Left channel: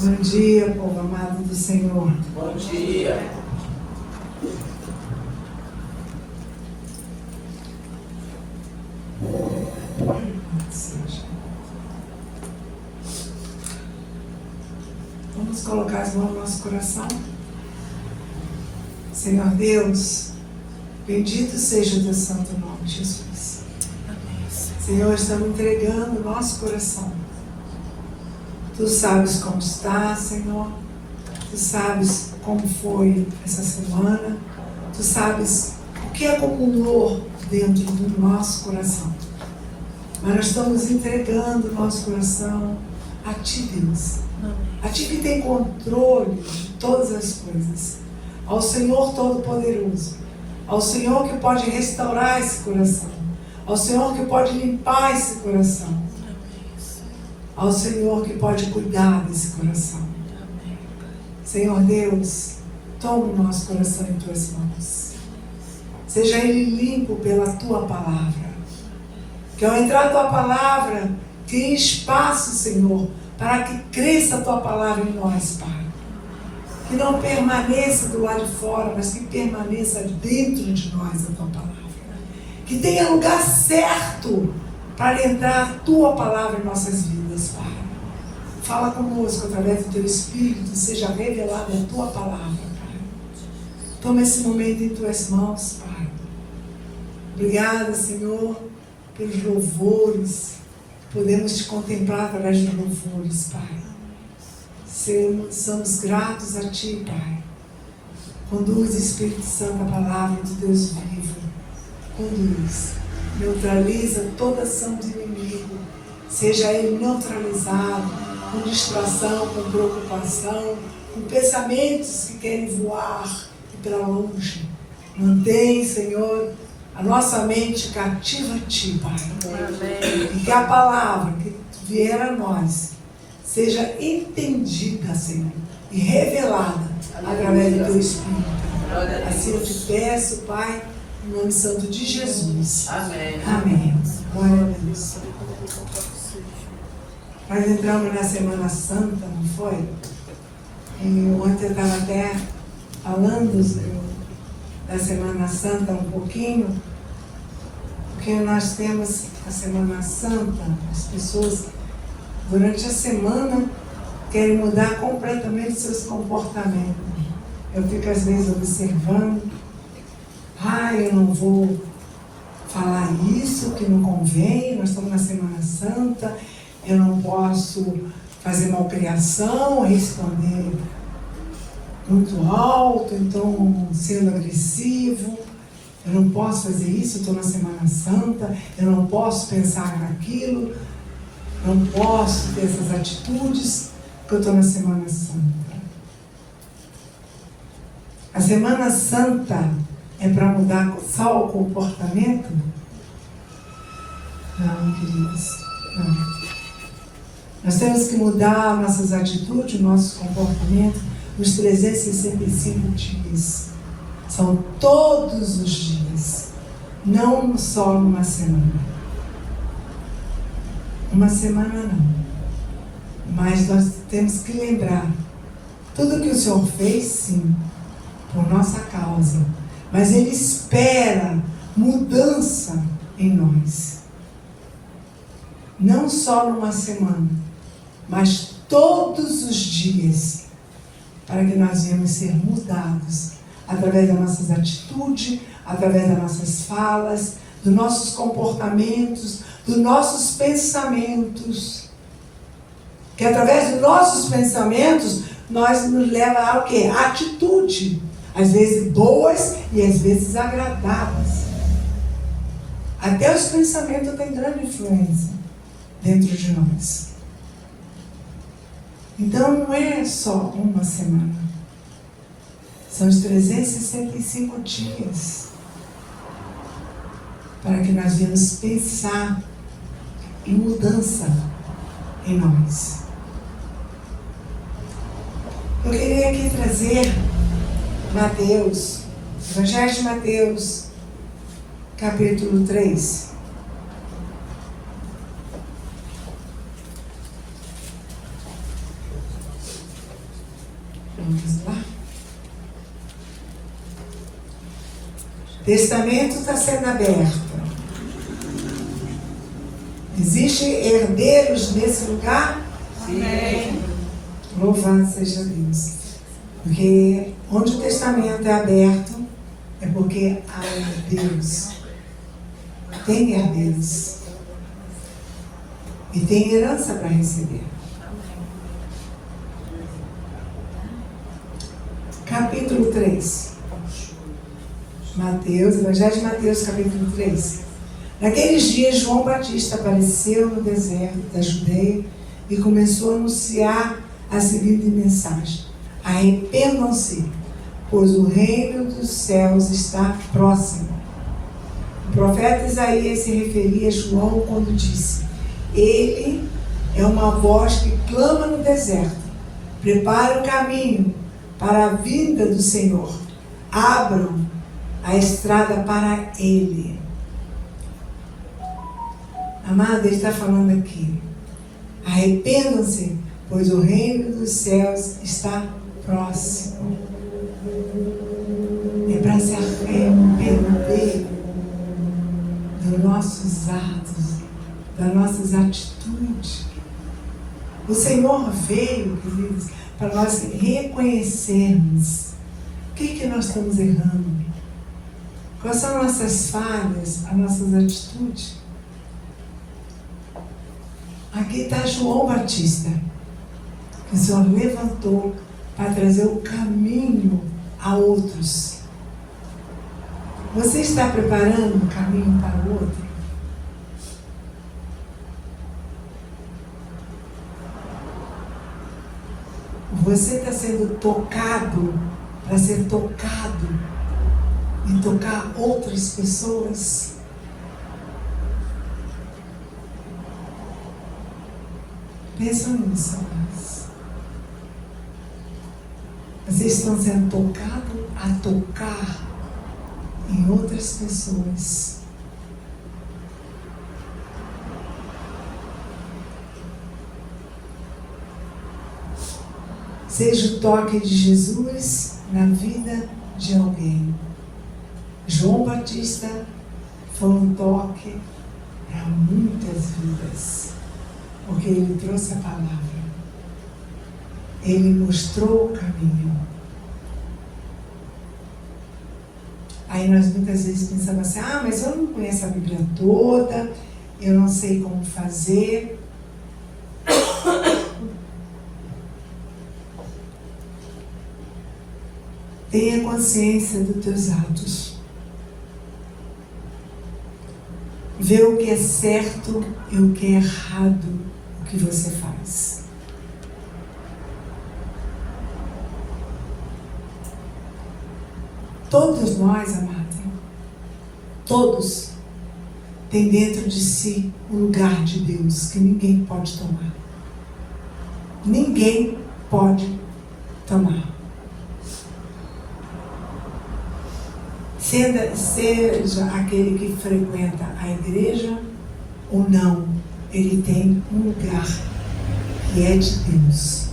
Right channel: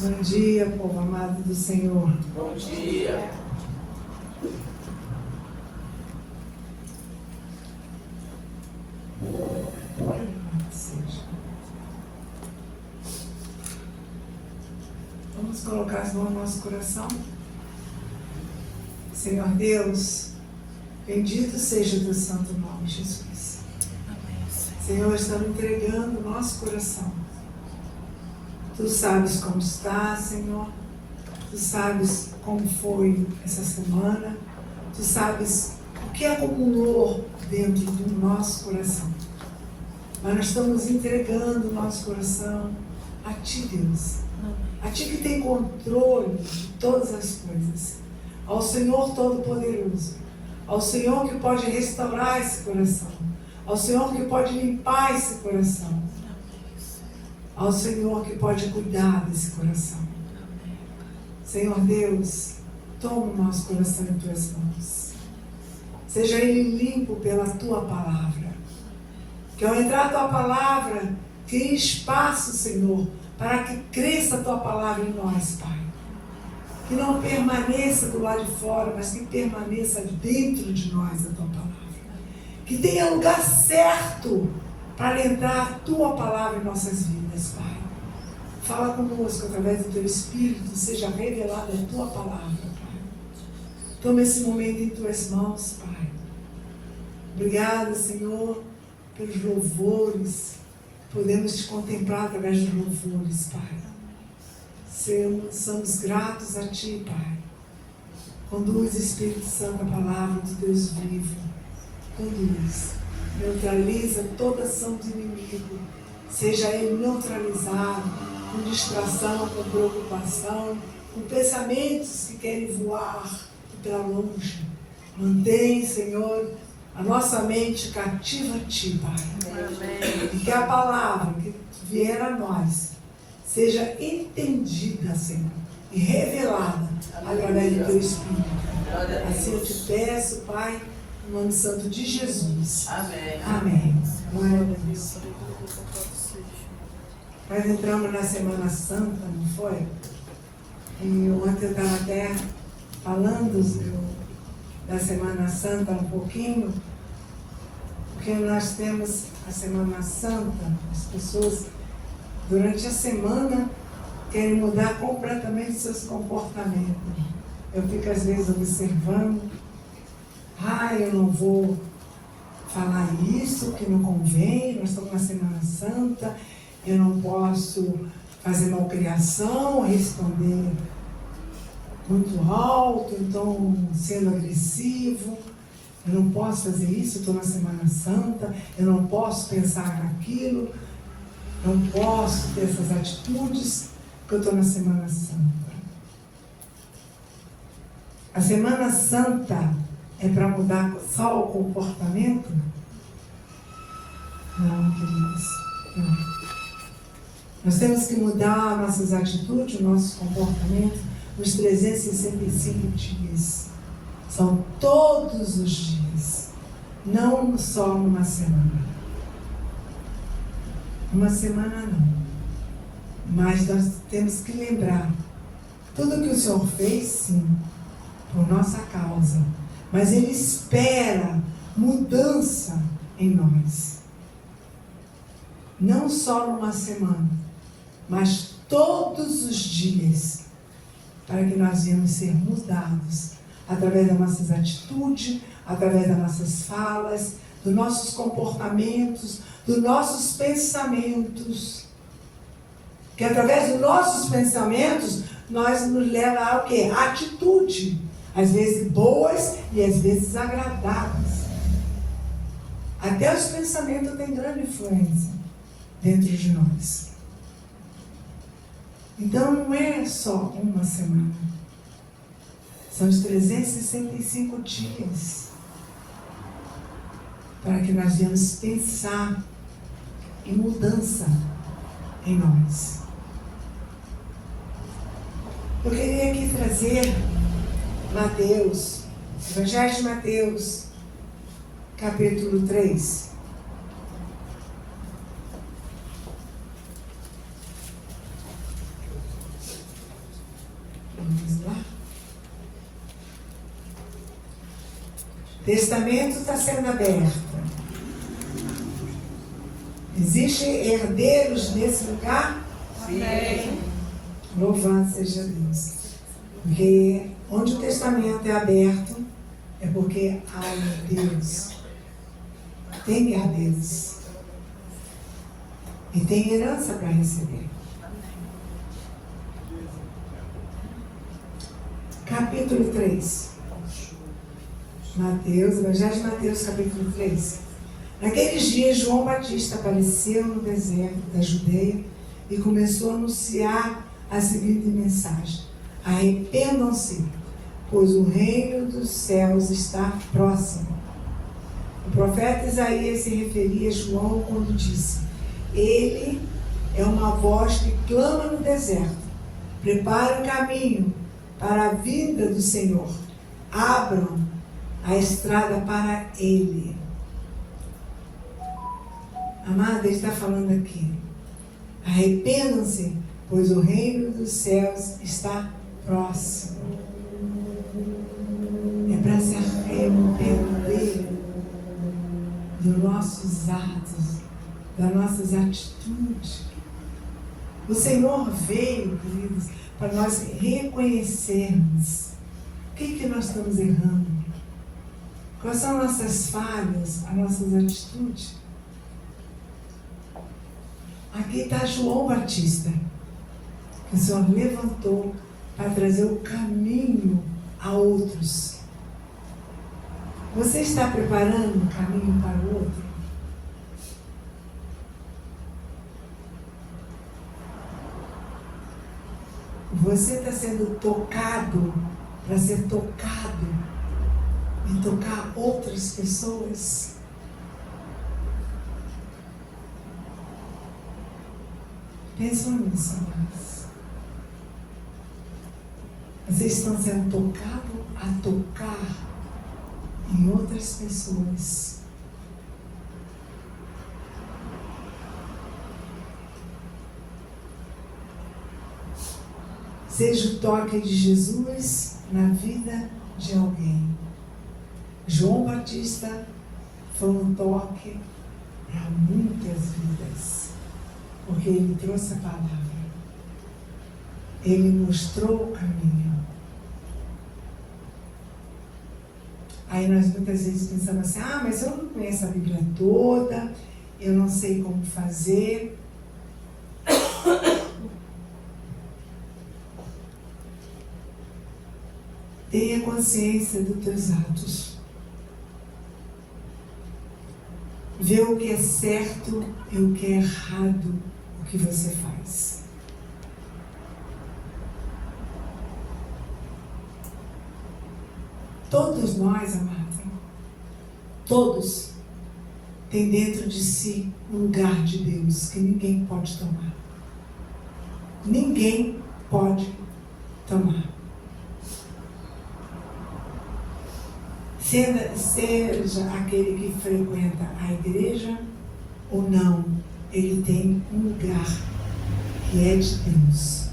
Bom dia, povo amado do Senhor. Bom dia. Vamos colocar as mãos no nosso coração. Senhor Deus, bendito seja o teu santo nome, Jesus. Senhor, estamos entregando o nosso coração. Tu sabes como está, Senhor. Tu sabes como foi essa semana. Tu sabes o que acumulou dentro do nosso coração. Mas nós estamos entregando o nosso coração a Ti, Deus. A Ti que tem controle de todas as coisas. Ao Senhor Todo-Poderoso. Ao Senhor que pode restaurar esse coração. Ao Senhor que pode limpar esse coração. Ao Senhor que pode cuidar desse coração. Senhor Deus, toma o nosso coração em Tuas mãos. Seja ele limpo pela Tua palavra. Que ao entrar a Tua palavra, crie espaço, Senhor, para que cresça a Tua palavra em nós, Pai. Que não permaneça do lado de fora, mas que permaneça dentro de nós a Tua palavra. Que tenha lugar certo para entrar a Tua palavra em nossas vidas, Pai. Fala conosco através do Teu Espírito, seja revelada a Tua palavra, Pai. Toma esse momento em Tuas mãos, Pai. Obrigada, Senhor, pelos louvores. Podemos Te contemplar através dos louvores, Pai. Somos gratos a Ti, Pai. Conduz, Espírito Santo, a palavra de Deus vivo. Conduz. Neutraliza toda ação do inimigo. Seja ele neutralizado com distração, com preocupação, com pensamentos que querem voar e para longe. Mantém, Senhor, a nossa mente cativa a Ti, Pai. Amém. E que a palavra que vier a nós seja entendida, Senhor, e revelada através do Teu Espírito. Assim eu Te peço, Pai, no nome santo de Jesus. Amém. Amém. Glória a Deus. Nós entramos na Semana Santa, não foi? E ontem eu estava até falando da Semana Santa um pouquinho, porque nós temos a Semana Santa, as pessoas durante a semana querem mudar completamente seus comportamentos. Eu fico às vezes observando, eu não vou falar isso que não convém, nós estamos na Semana Santa, eu não posso fazer malcriação, responder muito alto, então sendo agressivo, eu não posso fazer isso, eu estou na Semana Santa, eu não posso pensar naquilo, não posso ter essas atitudes, porque eu estou na Semana Santa. A Semana Santa é para mudar só o comportamento? Não, queridos, não. Nós temos que mudar nossas atitudes, nossos comportamentos nos 365 dias. São todos os dias, não só numa semana. Uma semana não. Mas nós temos que lembrar tudo que o Senhor fez, sim, por nossa causa. Mas Ele espera mudança em nós. Não só numa semana, mas todos os dias, para que nós venhamos ser mudados através das nossas atitudes, através das nossas falas, dos nossos comportamentos, dos nossos pensamentos. Que através dos nossos pensamentos, nós nos leva a o quê? A atitude. Às vezes boas e às vezes agradáveis. Até os pensamentos têm grande influência dentro de nós. Então não é só uma semana. São os 365 dias. Para que nós venhamos pensar em mudança em nós. Eu queria aqui trazer Mateus, Evangelho de Mateus, capítulo 3. Vamos lá. O testamento está sendo aberto. Existem herdeiros nesse lugar? Sim. Louvado seja Deus. Porque onde o testamento é aberto, é porque há herdeiros. Tem herdeiros. E tem herança para receber. Capítulo 3. Mateus, Evangelho de Mateus, capítulo 3. Naqueles dias, João Batista apareceu no deserto da Judeia e começou a anunciar a seguinte mensagem: arrependam-se, pois o reino dos céus está próximo. O profeta Isaías se referia a João quando disse: ele é uma voz que clama no deserto, prepara o caminho para a vinda do Senhor, abram a estrada para ele. Amada, ele está falando aqui: arrependam-se, pois o reino dos céus está próximo. É para se arrepender dos nossos atos, das nossas atitudes. O Senhor veio, queridos, para nós reconhecermos o que nós estamos errando, quais são as nossas falhas, as nossas atitudes. Aqui está João Batista, que o Senhor levantou para trazer o caminho a outros. Você está preparando um caminho para o outro? Você está sendo tocado para ser tocado e tocar outras pessoas? Pensa nisso, amados. Vocês estão sendo tocados a tocar em outras pessoas. Seja o toque de Jesus na vida de alguém. João Batista foi um toque para muitas vidas, porque ele trouxe a palavra. Ele mostrou o caminho. Aí nós muitas vezes pensamos assim: mas eu não conheço a Bíblia toda, eu não sei como fazer. Tenha consciência dos teus atos. Vê o que é certo e o que é errado, o que você faz. Todos nós, amados, todos têm dentro de si um lugar de Deus que ninguém pode tomar. Ninguém pode tomar. Seja aquele que frequenta a igreja ou não, ele tem um lugar que é de Deus.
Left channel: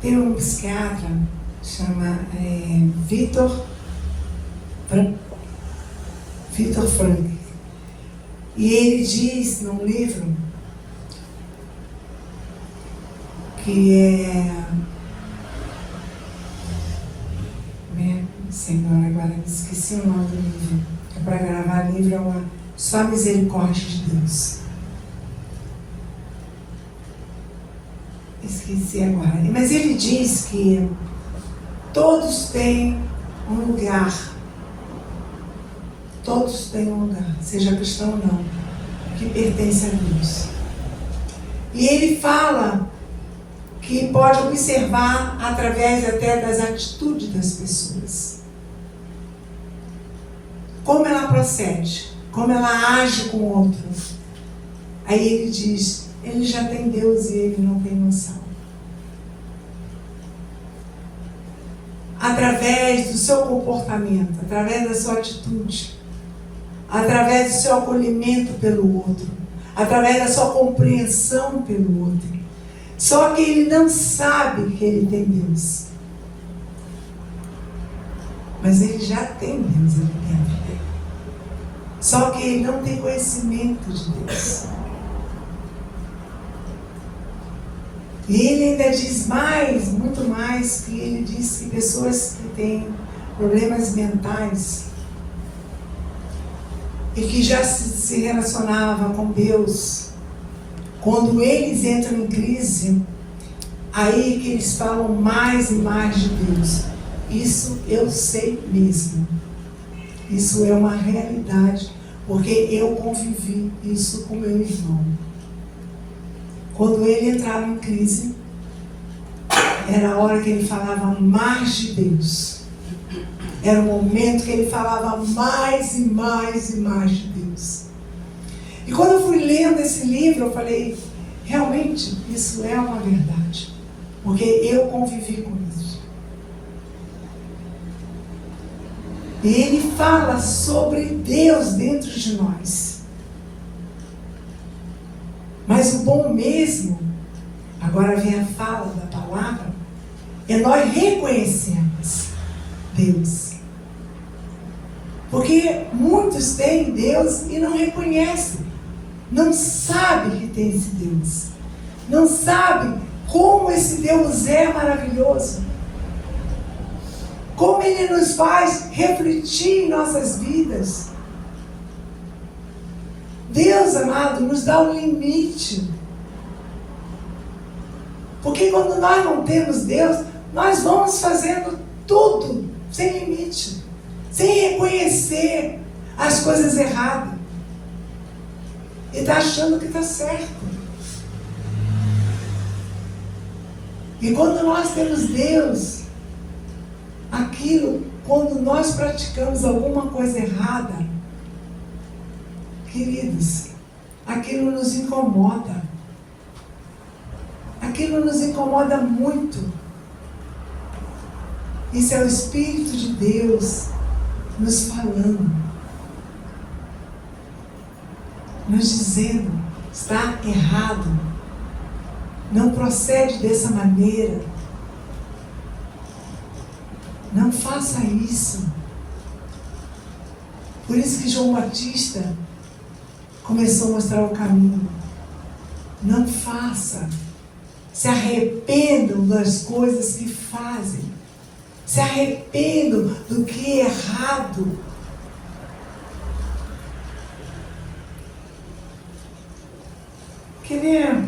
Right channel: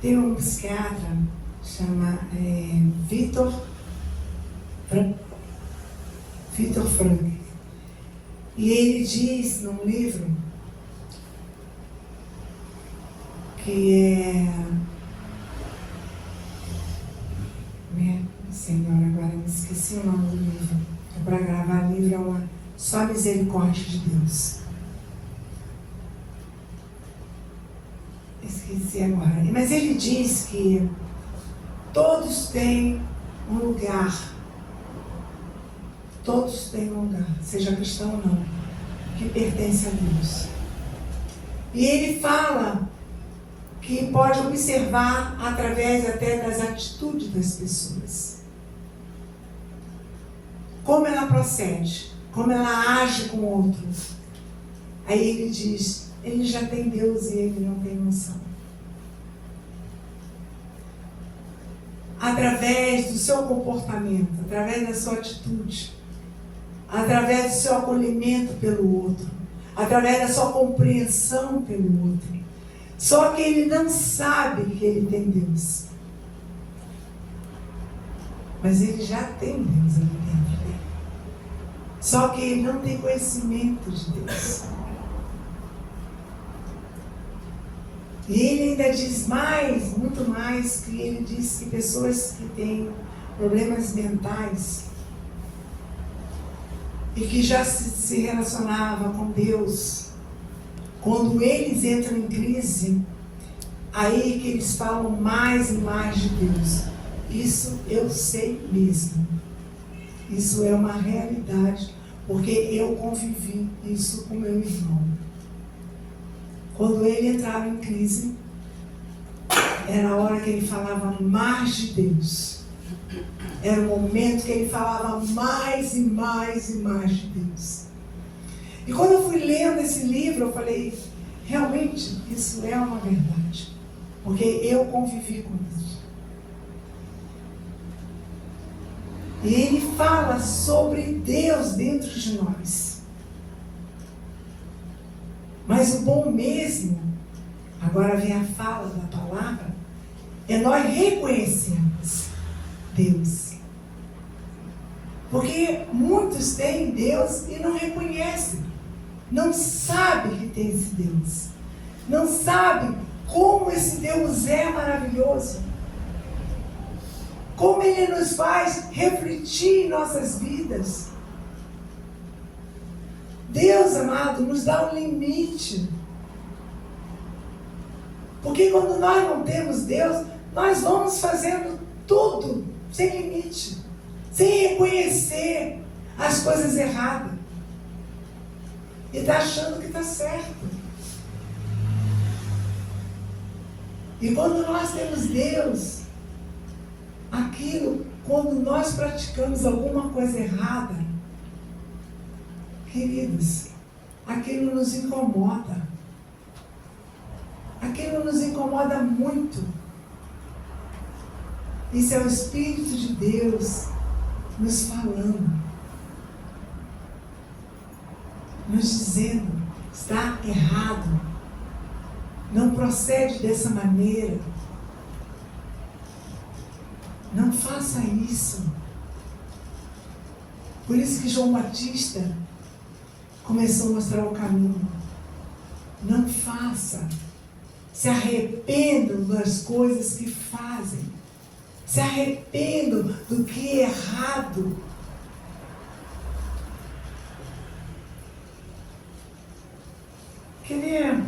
Tem um psiquiatra, chama Viktor Frankl, e ele diz num livro que Senhor, agora me esqueci o nome do livro. É para gravar livro, só a misericórdia de Deus. Esqueci agora. Mas ele diz que todos têm um lugar. Todos têm um lugar, seja cristão ou não, que pertence a Deus. E ele fala que pode observar através até das atitudes das pessoas. Como ela procede, como ela age com o outro. Aí ele diz: ele já tem Deus e ele não tem noção. Através do seu comportamento, através da sua atitude. através do seu acolhimento pelo outro, através da sua compreensão pelo outro. Só que ele não sabe que ele tem Deus. Mas ele já tem Deus ali dentro dele. Só que ele não tem conhecimento de Deus. E ele ainda diz mais, muito mais, que ele diz que pessoas que têm problemas mentais e que já se relacionavam com Deus, quando eles entram em crise, aí que eles falam mais e mais de Deus. Isso eu sei mesmo. Isso é uma realidade, porque eu convivi isso com meu irmão. Quando ele entrava em crise, era a hora que ele falava mais de Deus. Era o momento que ele falava mais e mais e mais de Deus. E quando eu fui lendo esse livro, eu falei, realmente, isso é uma verdade. Porque eu convivi com isso. E ele fala sobre Deus dentro de nós. Mas o bom mesmo, agora vem a fala da palavra, é nós reconhecermos Deus. Porque muitos têm Deus e não reconhecem. Não sabem que tem esse Deus. Não sabem como esse Deus é maravilhoso. Como Ele nos faz refletir em nossas vidas. Deus, amado, nos dá um limite. Porque quando nós não temos Deus, nós vamos fazendo tudo sem limite. Sem reconhecer as coisas erradas. E está achando que está certo. E quando nós temos Deus, quando nós praticamos alguma coisa errada, queridos, aquilo nos incomoda. Aquilo nos incomoda muito. Isso é o Espírito de Deus nos falando, nos dizendo, está errado, não procede dessa maneira, não faça isso. Por isso que João Batista começou a mostrar o caminho. Não faça, se arrependam das coisas que fazem. Se arrependam do que é errado. Queria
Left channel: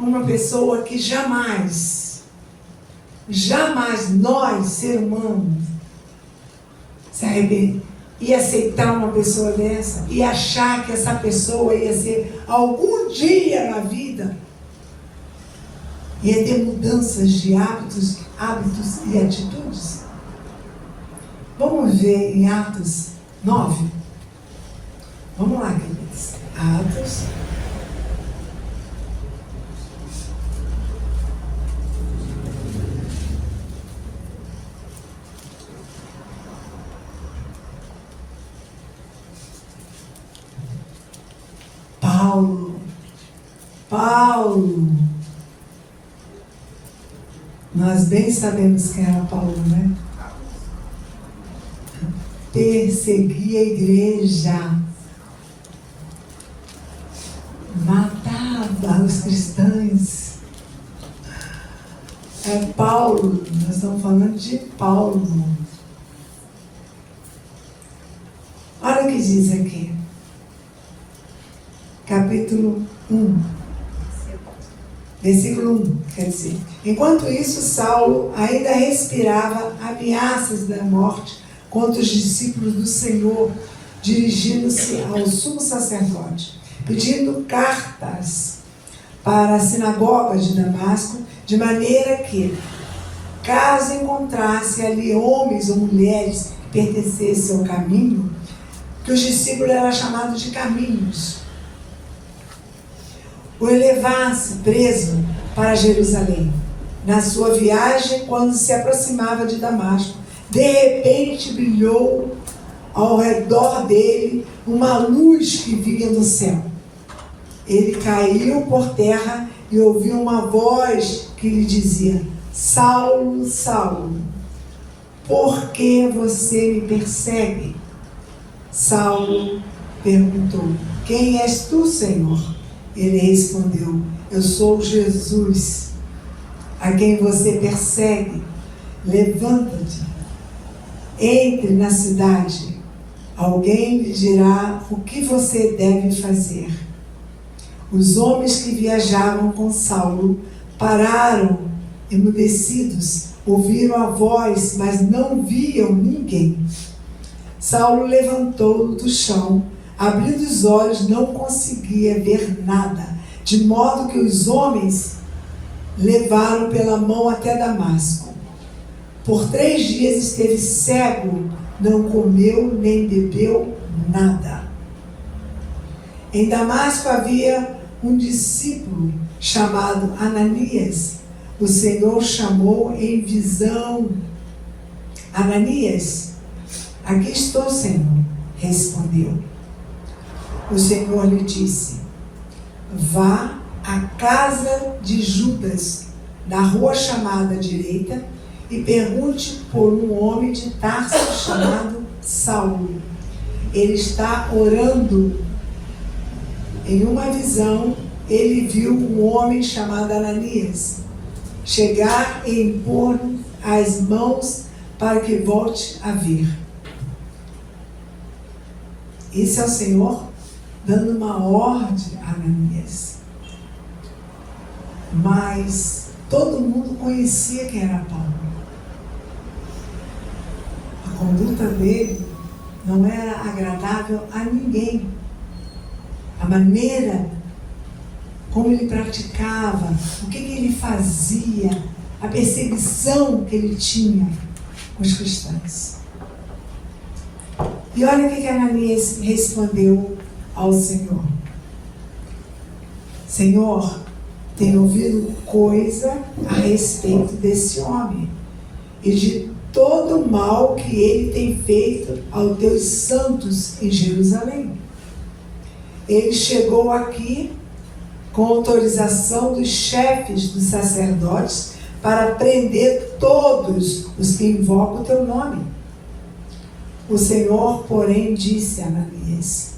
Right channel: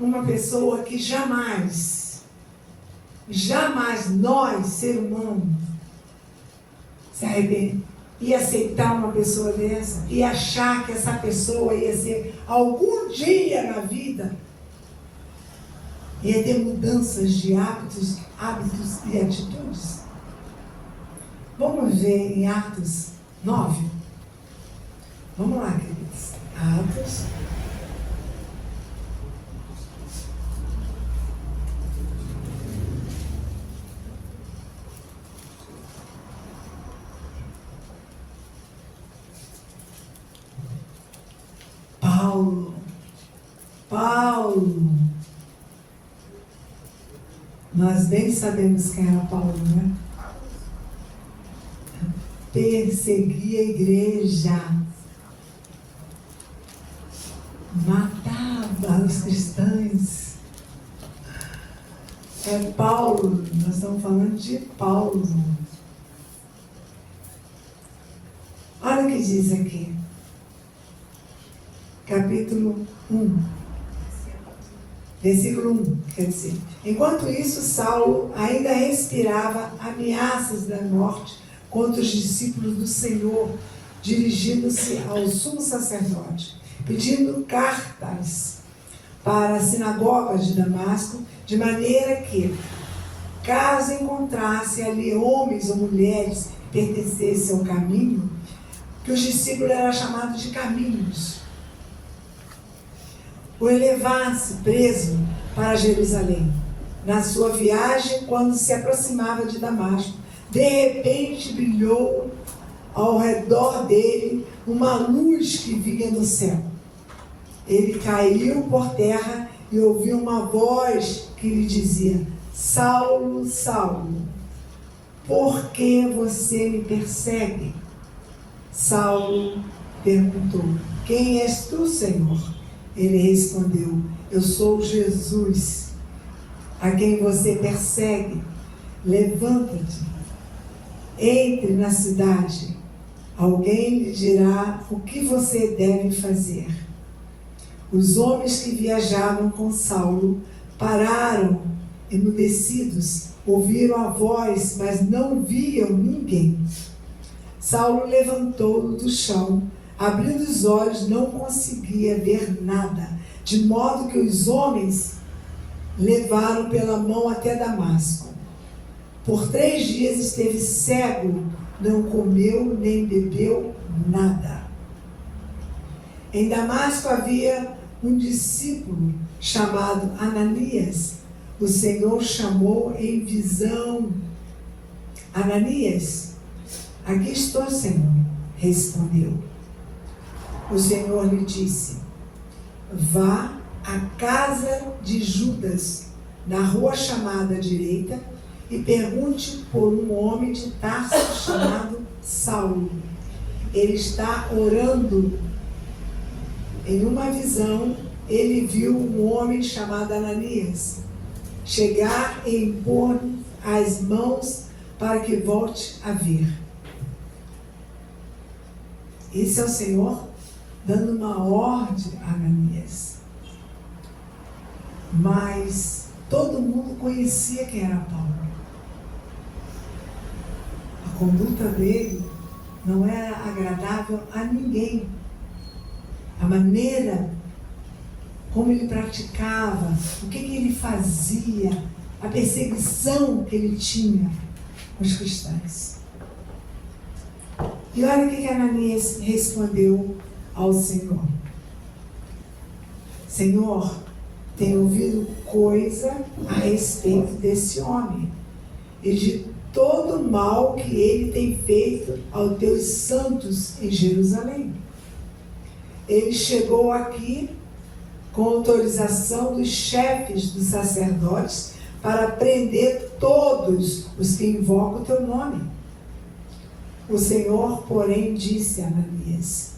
uma pessoa que jamais nós, ser humanos, se arrepender e aceitar uma pessoa dessa e achar que essa pessoa ia ser algum dia na vida, ia ter mudanças de hábitos e atitudes. Vamos ver em Atos 9. Vamos lá, queridos. Atos. Paulo. Nós bem sabemos quem era Paulo, né? Perseguia a igreja. Matava os cristãos. É Paulo. Nós estamos falando de Paulo. Olha o que diz aqui. Capítulo 1. Versículo 1, quer dizer, enquanto isso, Saulo ainda respirava ameaças da morte contra os discípulos do Senhor, dirigindo-se ao sumo sacerdote, pedindo cartas para a sinagoga de Damasco, de maneira que, caso encontrasse ali homens ou mulheres que pertencessem ao caminho, que os discípulos eram chamados de caminhos, o levasse preso para Jerusalém. Na sua viagem, quando se aproximava de Damasco, de repente brilhou ao redor dele uma luz que vinha do céu. Ele caiu por terra e ouviu uma voz que lhe dizia: Saulo, Saulo, por que você me persegue? Saulo perguntou: Quem és tu, Senhor? Ele respondeu: Eu sou Jesus, a quem você persegue. Levanta-te, entre na cidade. Alguém lhe dirá o que você deve fazer. Os homens que viajavam com Saulo pararam emudecidos, ouviram a voz, mas não viam ninguém. Saulo levantou do chão, abrindo os olhos, não conseguia ver nada, de modo que os homens levaram pela mão até Damasco. Por 3 dias esteve cego, não comeu nem bebeu nada. Em Damasco havia um discípulo chamado Ananias. O Senhor chamou em visão: Ananias. Aqui estou, Senhor, respondeu. O Senhor lhe disse: Vá à casa de Judas, na rua chamada direita, e pergunte por um homem de Tarso chamado Saulo. Ele está orando. Em uma visão, ele viu um homem chamado Ananias chegar e impor as mãos para que volte a ver. Esse é o Senhor dando uma ordem a Ananias. Mas todo mundo conhecia quem era Paulo. A conduta dele não era agradável a ninguém. A maneira como ele praticava, o que ele fazia, a perseguição que ele tinha com os cristãos. E olha o que Ananias respondeu ao Senhor: Senhor, tenho ouvido coisa a respeito desse homem e de todo o mal que ele tem feito aos teus santos em Jerusalém. Ele chegou aqui com autorização dos chefes dos sacerdotes para prender todos os que invocam o teu nome. O Senhor, porém, disse a Ananias:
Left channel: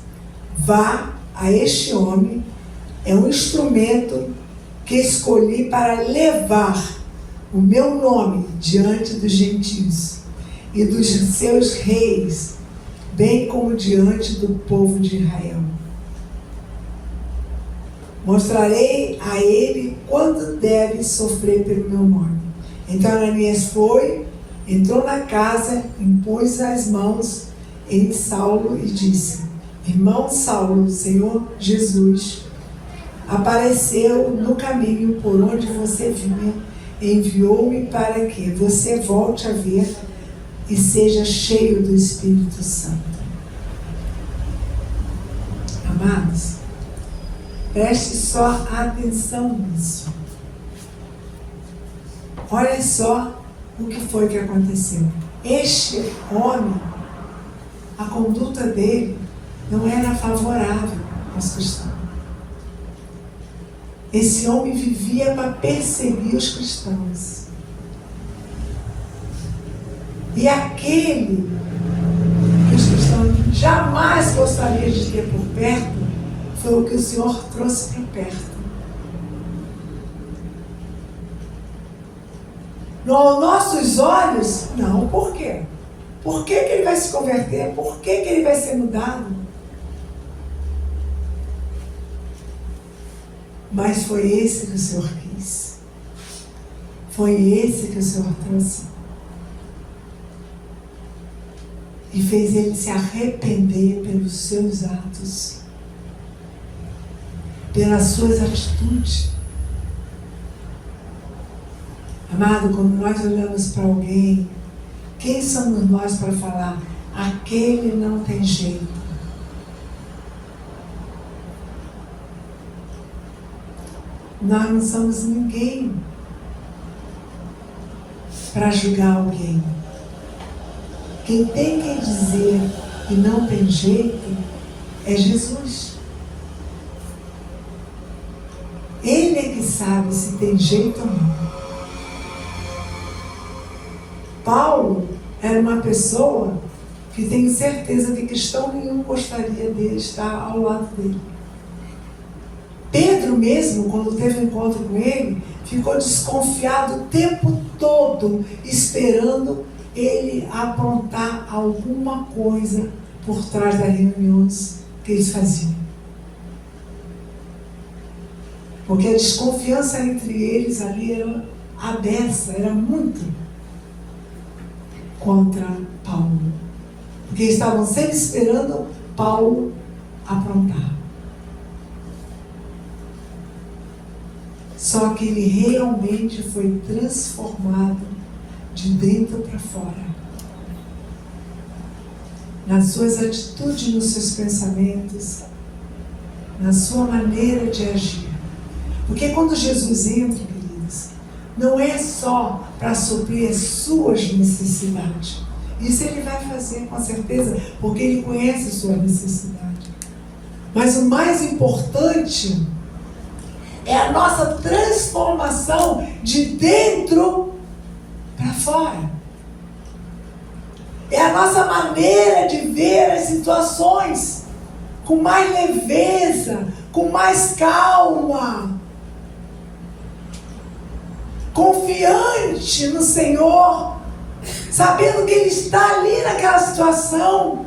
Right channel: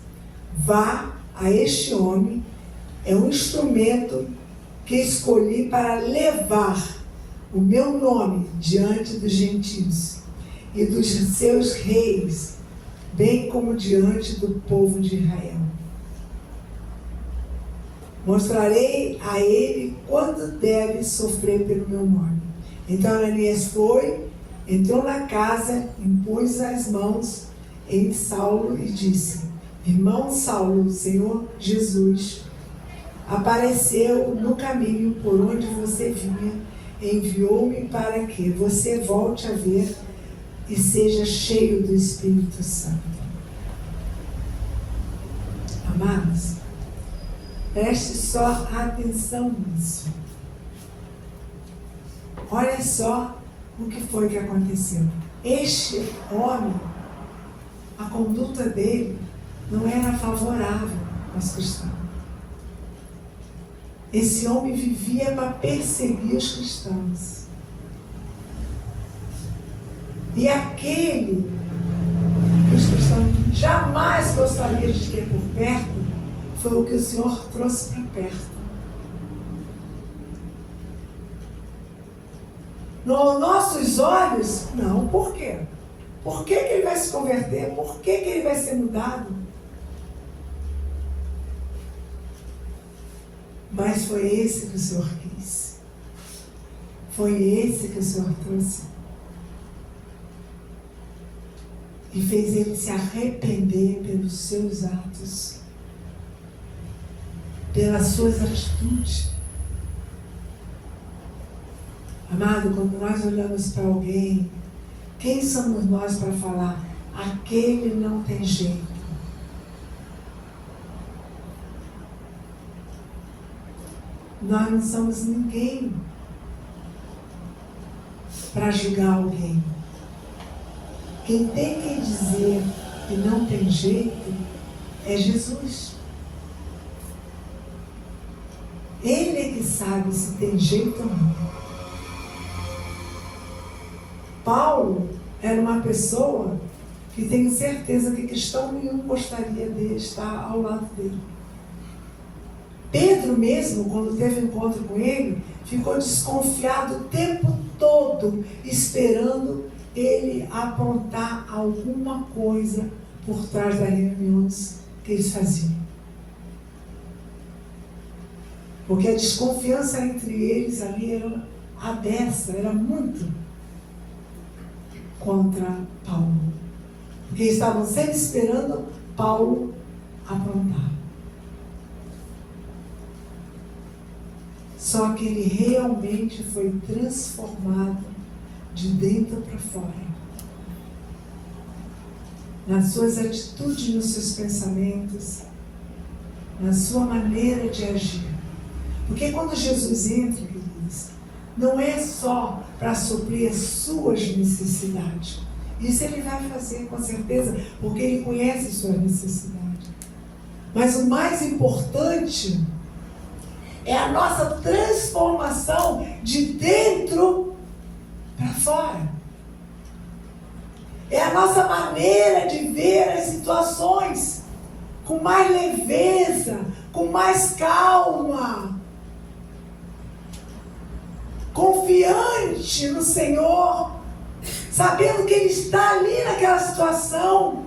Vá a este homem, é um instrumento que escolhi para levar o meu nome diante dos gentios e dos seus reis, bem como diante do povo de Israel. Mostrarei a ele quando deve sofrer pelo meu nome. Então Ananias foi, entrou na casa, impôs as mãos em Saulo e disse: Irmão Saulo, o Senhor Jesus apareceu no caminho por onde você vinha, enviou-me para que você volte a ver e seja cheio do Espírito Santo. Amados, preste só atenção nisso. Olha só o que foi que aconteceu. Este homem, a conduta dele não era favorável aos cristãos. Esse homem vivia para perseguir os cristãos. E aquele que os cristãos jamais gostariam de ter por perto, foi o que o Senhor trouxe para perto. Aos nossos olhos, não. Por quê? Por que ele vai se converter? Por que ele vai ser mudado? Mas foi esse que o Senhor quis. Foi esse que o Senhor trouxe. E fez ele se arrepender pelos seus atos, pelas suas atitudes. Amado, quando nós olhamos para alguém, quem somos nós para falar? Aquele não tem jeito. Nós não somos ninguém para julgar alguém. Quem tem que dizer e não tem jeito é Jesus. Ele é que sabe se tem jeito ou não. Paulo era uma pessoa que tenho certeza que cristão nenhum gostaria de estar ao lado dele. Pedro mesmo, quando teve um encontro com ele, ficou desconfiado o tempo todo, esperando ele aprontar alguma coisa por trás das reuniões que eles faziam. Porque a desconfiança entre eles ali era aberta, era muito contra Paulo. Porque estavam sempre esperando Paulo aprontar. Só que ele realmente foi transformado de dentro para fora. Nas suas atitudes, nos seus pensamentos, na sua maneira de agir. Porque quando Jesus entra, queridos, não é só para suprir as suas necessidades. Isso ele vai fazer com certeza, porque ele conhece a sua necessidade. Mas o mais importante é a nossa transformação de dentro para fora. É a nossa maneira de ver as situações com mais leveza, com mais calma, confiante no Senhor, sabendo que Ele está ali naquela situação.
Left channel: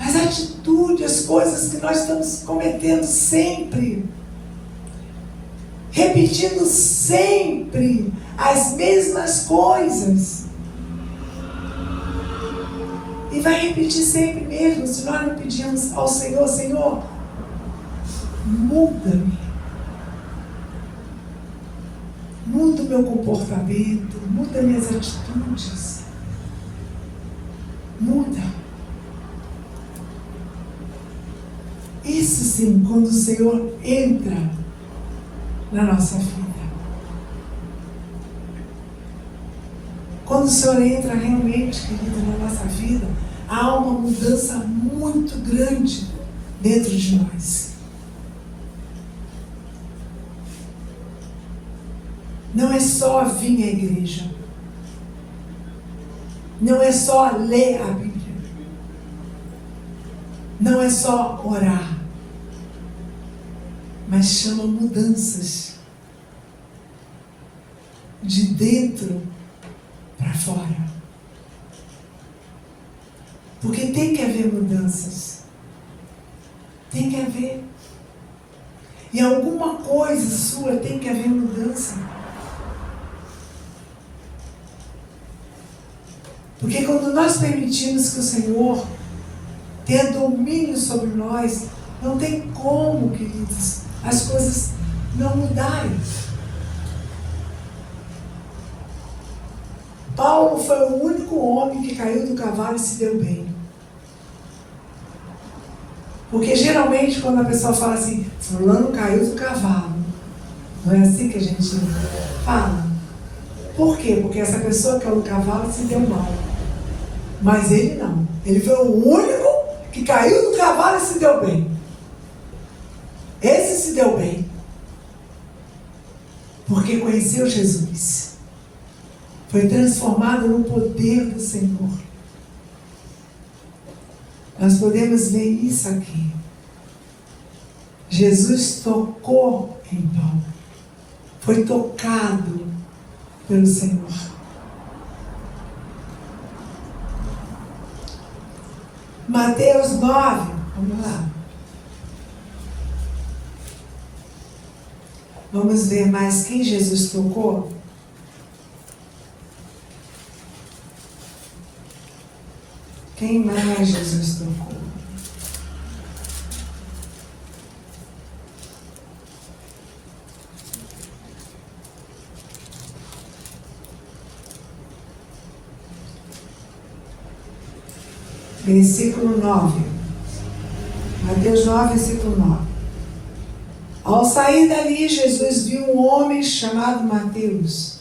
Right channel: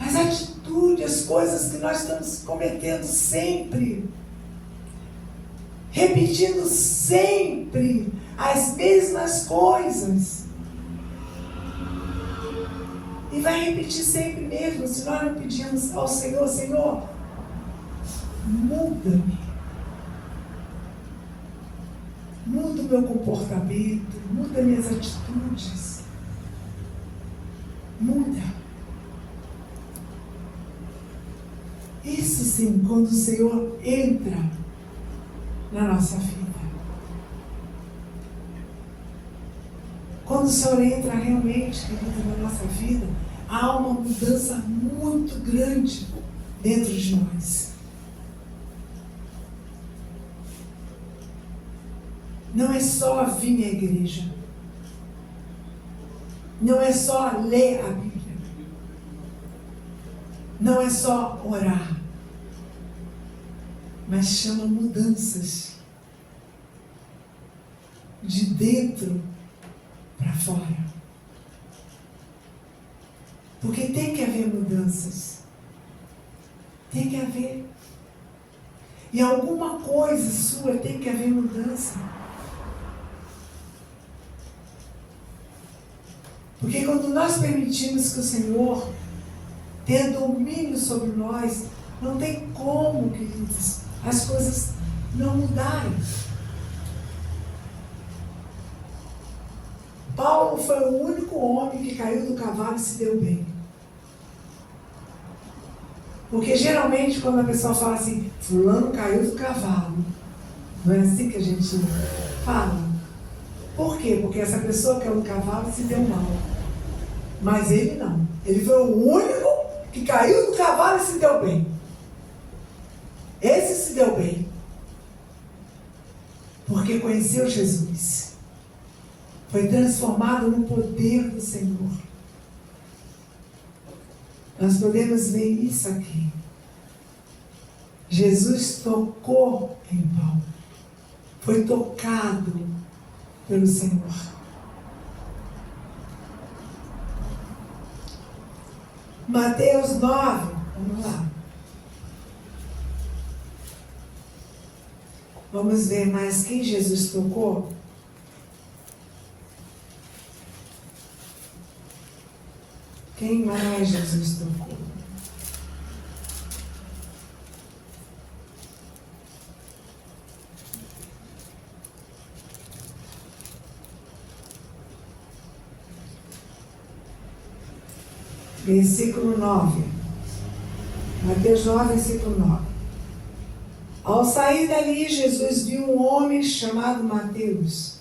As atitudes, as coisas que nós estamos cometendo sempre, repetindo sempre as mesmas coisas. E vai repetir sempre mesmo, se nós não pedimos ao Senhor, Senhor, muda-me. Muda o meu comportamento, muda minhas atitudes. Muda. Isso sim, quando o Senhor entra na nossa vida. Quando o Senhor entra realmente, querido, na nossa vida, há uma mudança muito grande dentro de nós. Não é só vir à igreja. Não é só ler a Bíblia. Não é só orar. Mas chama mudanças de dentro para fora. Porque tem que haver mudanças. Tem que haver. E alguma coisa sua tem que haver mudança. Porque quando nós permitimos que o Senhor tenha domínio sobre nós, não tem como, queridos, as coisas não mudarem. Paulo foi o único homem que caiu do cavalo e se deu bem. Porque geralmente quando a pessoa fala assim, fulano caiu do cavalo, não é assim que a gente fala? Por quê? Porque essa pessoa que caiu do cavalo se deu mal. Mas ele não. Ele foi o único que caiu do cavalo e se deu bem. Esse se deu bem. Porque conheceu Jesus. Foi transformado no poder do Senhor. Nós podemos ver isso aqui. Jesus tocou em Paulo. Foi tocado pelo Senhor. Mateus 9, vamos lá. Vamos ver mais quem Jesus tocou. Quem mais Jesus tocou? Versículo 9. Mateus 9, versículo 9. Ao sair dali, Jesus viu um homem chamado Mateus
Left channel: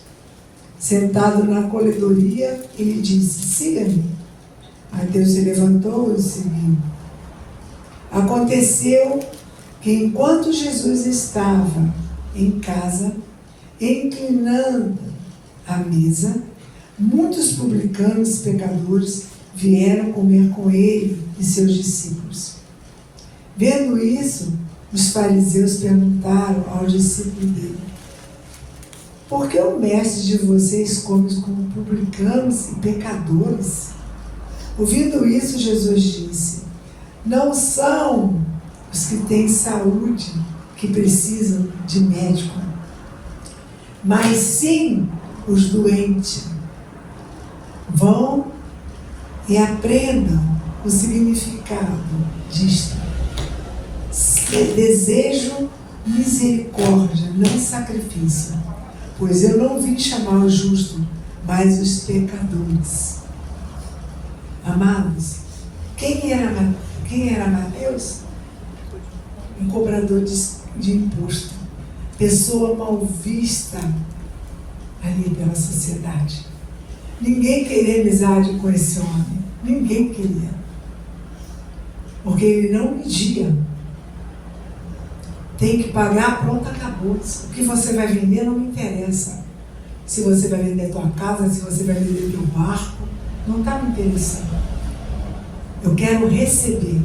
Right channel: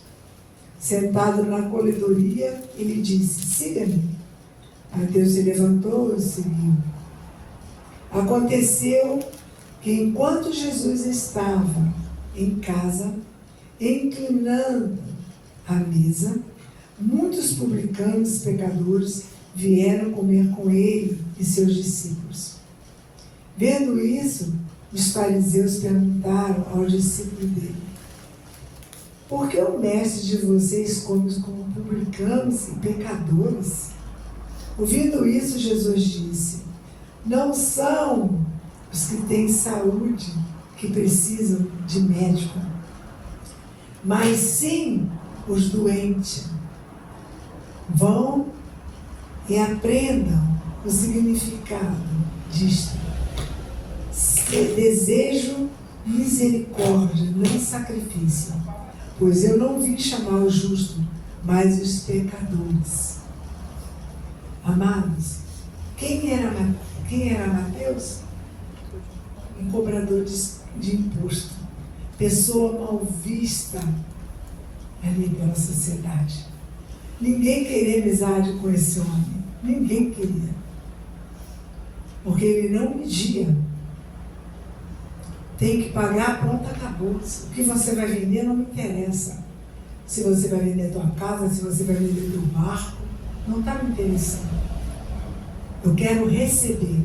sentado na coletoria, e lhe disse: siga-me. Mateus se levantou e o seguiu. Aconteceu que, enquanto Jesus estava em casa, inclinando a mesa, muitos publicanos e pecadores vieram comer com ele e seus discípulos. Vendo isso, os fariseus perguntaram ao discípulo dele: por que o mestre de vocês come com publicanos e pecadores? Ouvindo isso, Jesus disse: não são os que têm saúde que precisam de médico, mas sim os doentes. Vão e aprendam o significado disto. Desejo misericórdia, não sacrifício, pois eu não vim chamar os justos, mas os pecadores. Amados, quem era Mateus? Um cobrador de imposto, pessoa mal vista ali pela sociedade. Ninguém queria amizade com esse homem, ninguém queria, porque ele não media. Tem que pagar, pronto, acabou. O que você vai vender não me interessa. Se você vai vender tua casa, se você vai vender teu barco, não está me interessando. Eu quero receber.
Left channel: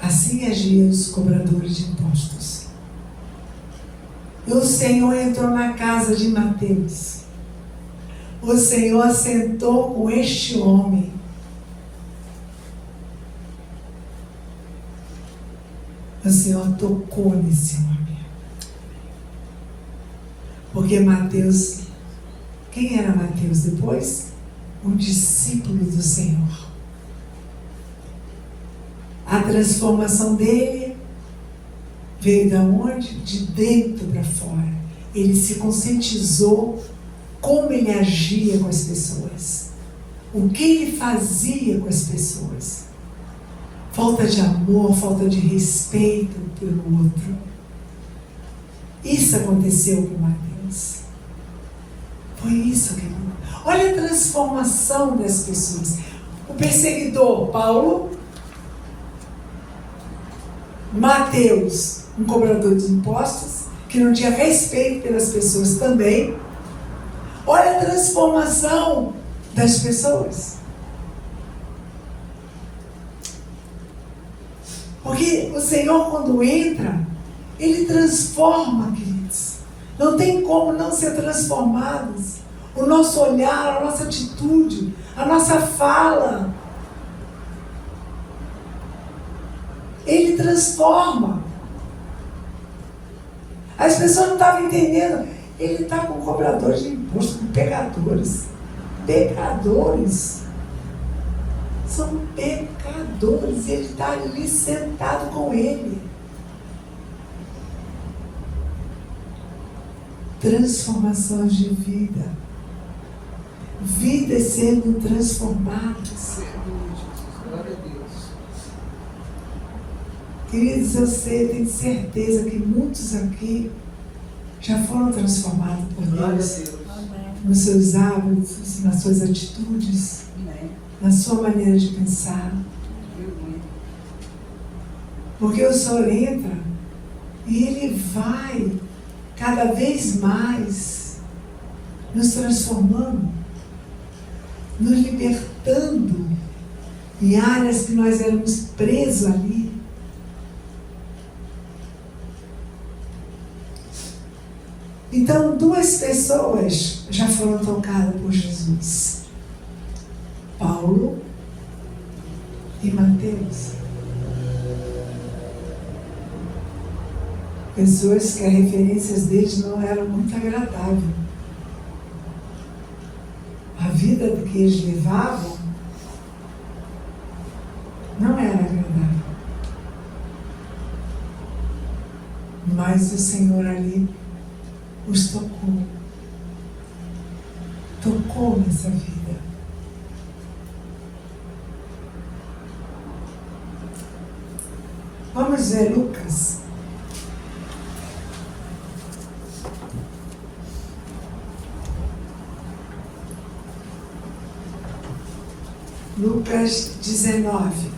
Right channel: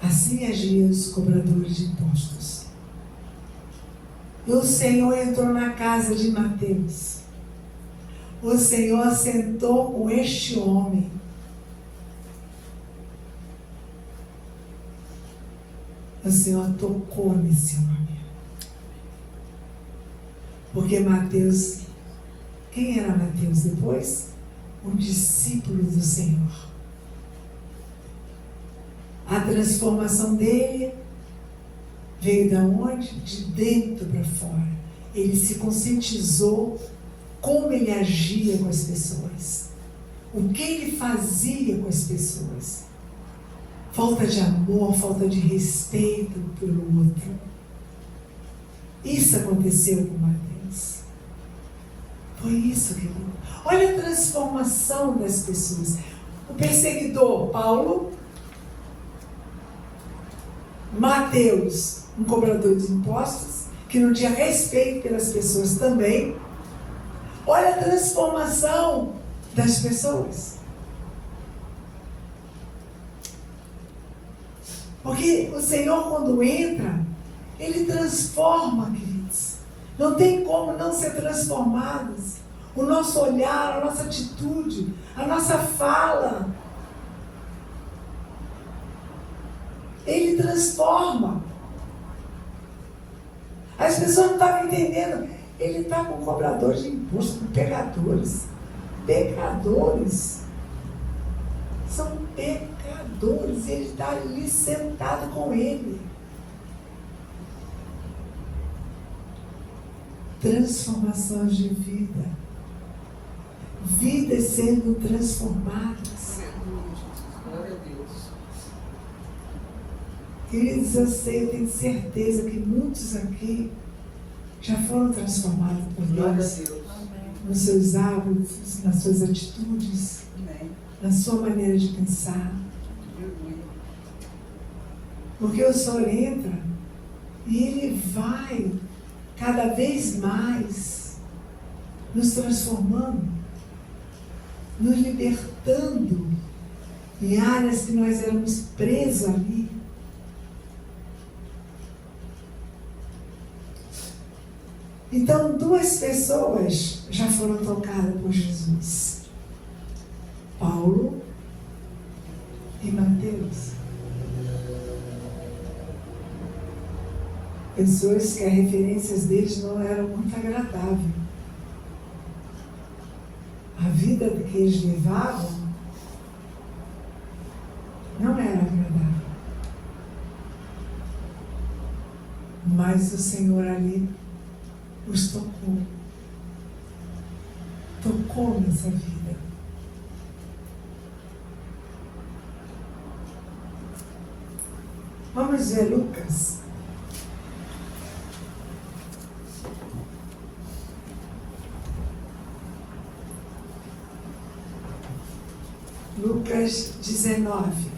Assim agiam os cobradores de impostos. E o Senhor entrou na casa de Mateus. O Senhor sentou com este homem. O Senhor tocou nesse homem. Porque Mateus, quem era Mateus depois? Um discípulo do Senhor. A transformação dele veio de onde? De dentro para fora. Ele se conscientizou como ele agia com as pessoas. O que ele fazia com as pessoas. Falta de amor, falta de respeito pelo outro. Isso aconteceu com Mateus. Foi isso que ele... Olha a transformação das pessoas. O perseguidor, Paulo. Mateus, um cobrador de impostos, que não tinha respeito pelas pessoas também. Olha a transformação das pessoas. Porque o Senhor, quando entra, Ele transforma, queridos. Não tem como não ser transformados. O nosso olhar, a nossa atitude, a nossa fala. Ele transforma. As pessoas não estavam entendendo. Ele está com cobradores de imposto, com pecadores. Pecadores. São pecadores. Ele está ali sentado com ele. Transformações de vida. Vidas sendo transformadas. Glória a Deus. Queridos, eu sei, eu tenho certeza que muitos aqui já foram transformados por Glória a Deus. Deus. Nos seus hábitos, nas suas atitudes, Amém. na sua maneira de pensar. Aleluia. Porque o Senhor entra e Ele vai cada vez mais nos transformando, nos libertando em áreas que nós éramos presos ali. Então, duas pessoas já foram tocadas por Jesus: Paulo e Mateus. Pessoas que as referências deles não eram muito agradáveis. A vida que eles levavam não era agradável. Mas o Senhor ali os tocou. Tocou nessa vida. Vamos ver Lucas. Lucas 19.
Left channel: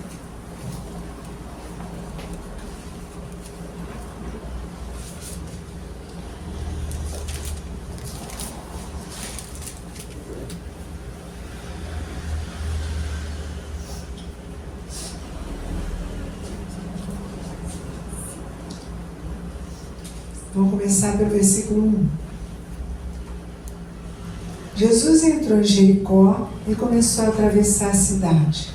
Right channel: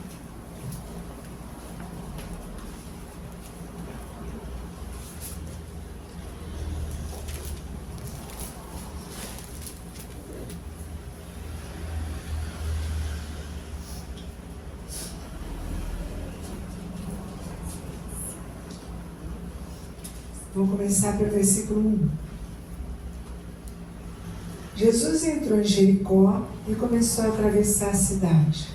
Vou começar pelo versículo 1. Jesus entrou em Jericó e começou a atravessar a cidade.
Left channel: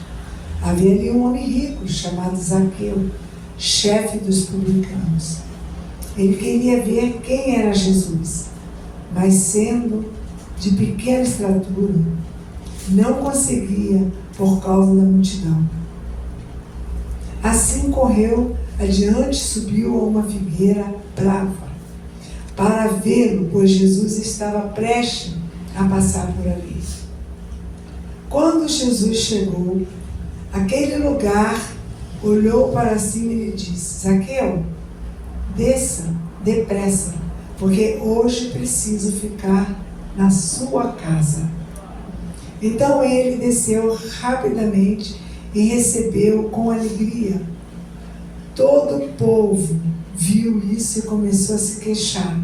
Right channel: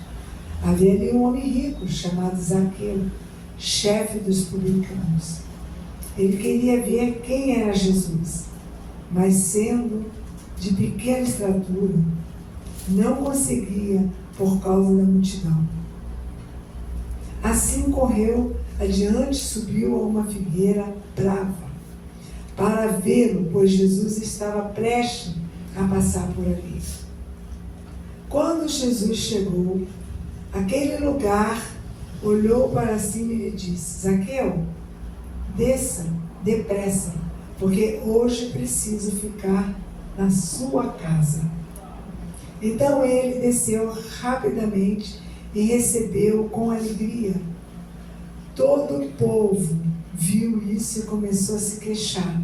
Havia ali um homem rico chamado Zaqueu, chefe dos publicanos. Ele queria ver quem era Jesus, mas sendo de pequena estatura, não conseguia por causa da multidão. Assim correu adiante e subiu a uma figueira brava para vê-lo, pois Jesus estava prestes a passar por ali. Quando Jesus chegou àquele lugar, olhou para cima e lhe disse: Zaqueu, desça depressa, porque hoje preciso ficar na sua casa. Então ele desceu rapidamente e recebeu com alegria. Todo o povo viu isso e começou a se queixar.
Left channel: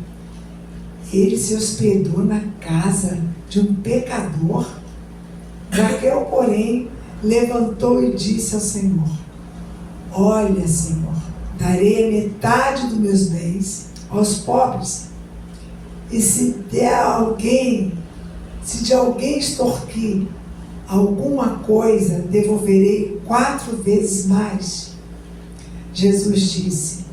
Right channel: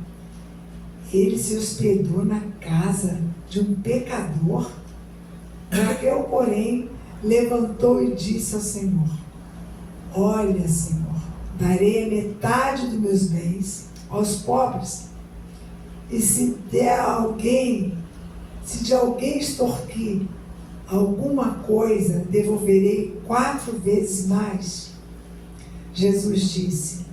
Ele se hospedou na casa de um pecador. Zaqueu, porém, levantou e disse ao Senhor: Olha, Senhor, darei a metade dos meus bens aos pobres, e se de alguém extorquir alguma coisa, devolverei 4 vezes mais. Jesus disse:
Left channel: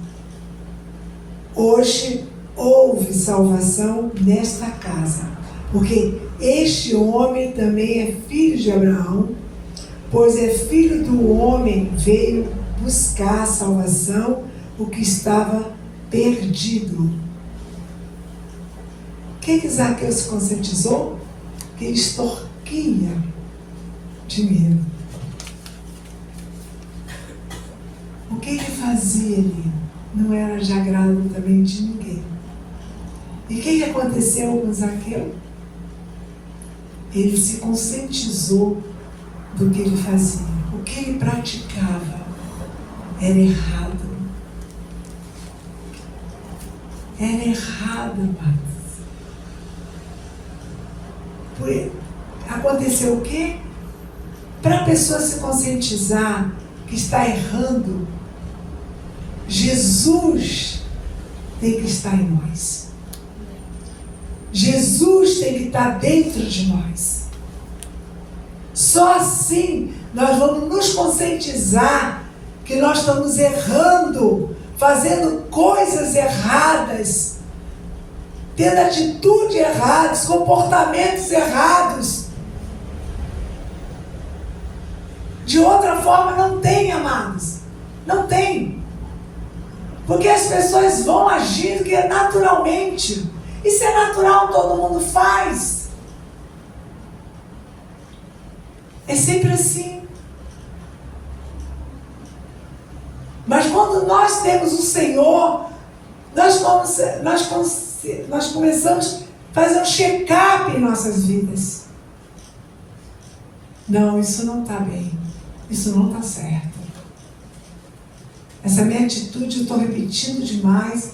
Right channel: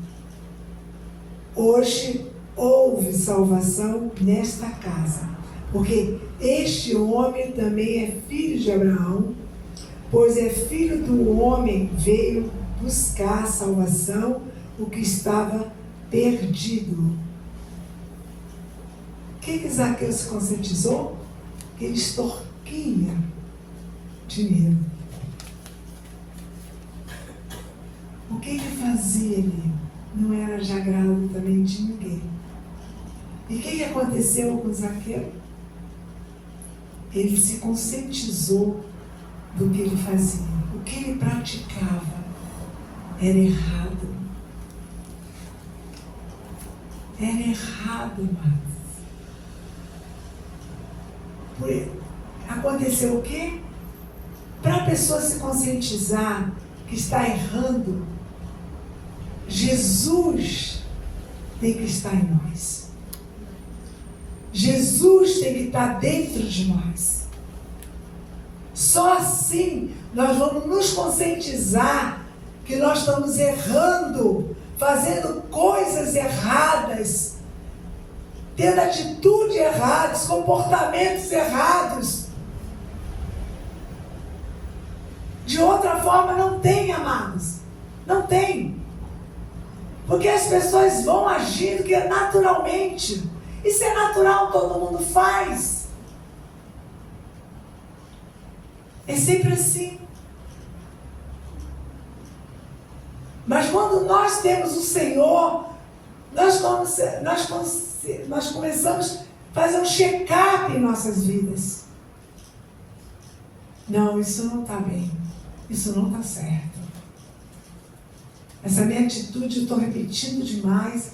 Hoje houve salvação nesta casa, porque este homem também é filho de Abraão, pois é filho do homem, veio buscar a salvação, o que estava perdido. O que Zaqueu se conscientizou? Que ele extorquia dinheiro. O que ele fazia ali não era de agrado também de ninguém. E o que aconteceu com Zaqueu? Ele se conscientizou do que ele fazia. O que ele praticava era errado. Era errado, amados. Aconteceu o quê? Para a pessoa se conscientizar que está errando, Jesus tem que estar em nós. Jesus tem que estar dentro de nós. Só assim nós vamos nos conscientizar que nós estamos errando, fazendo coisas erradas, tendo atitudes erradas, comportamentos errados. De outra forma não tem, amados. Não tem. Porque as pessoas vão agindo que é naturalmente. Isso é natural, todo mundo faz. É sempre assim. Mas quando nós temos o Senhor, nós começamos a fazer um check-up em nossas vidas. Não, isso não está bem. Isso não está certo. Essa minha atitude eu estou repetindo demais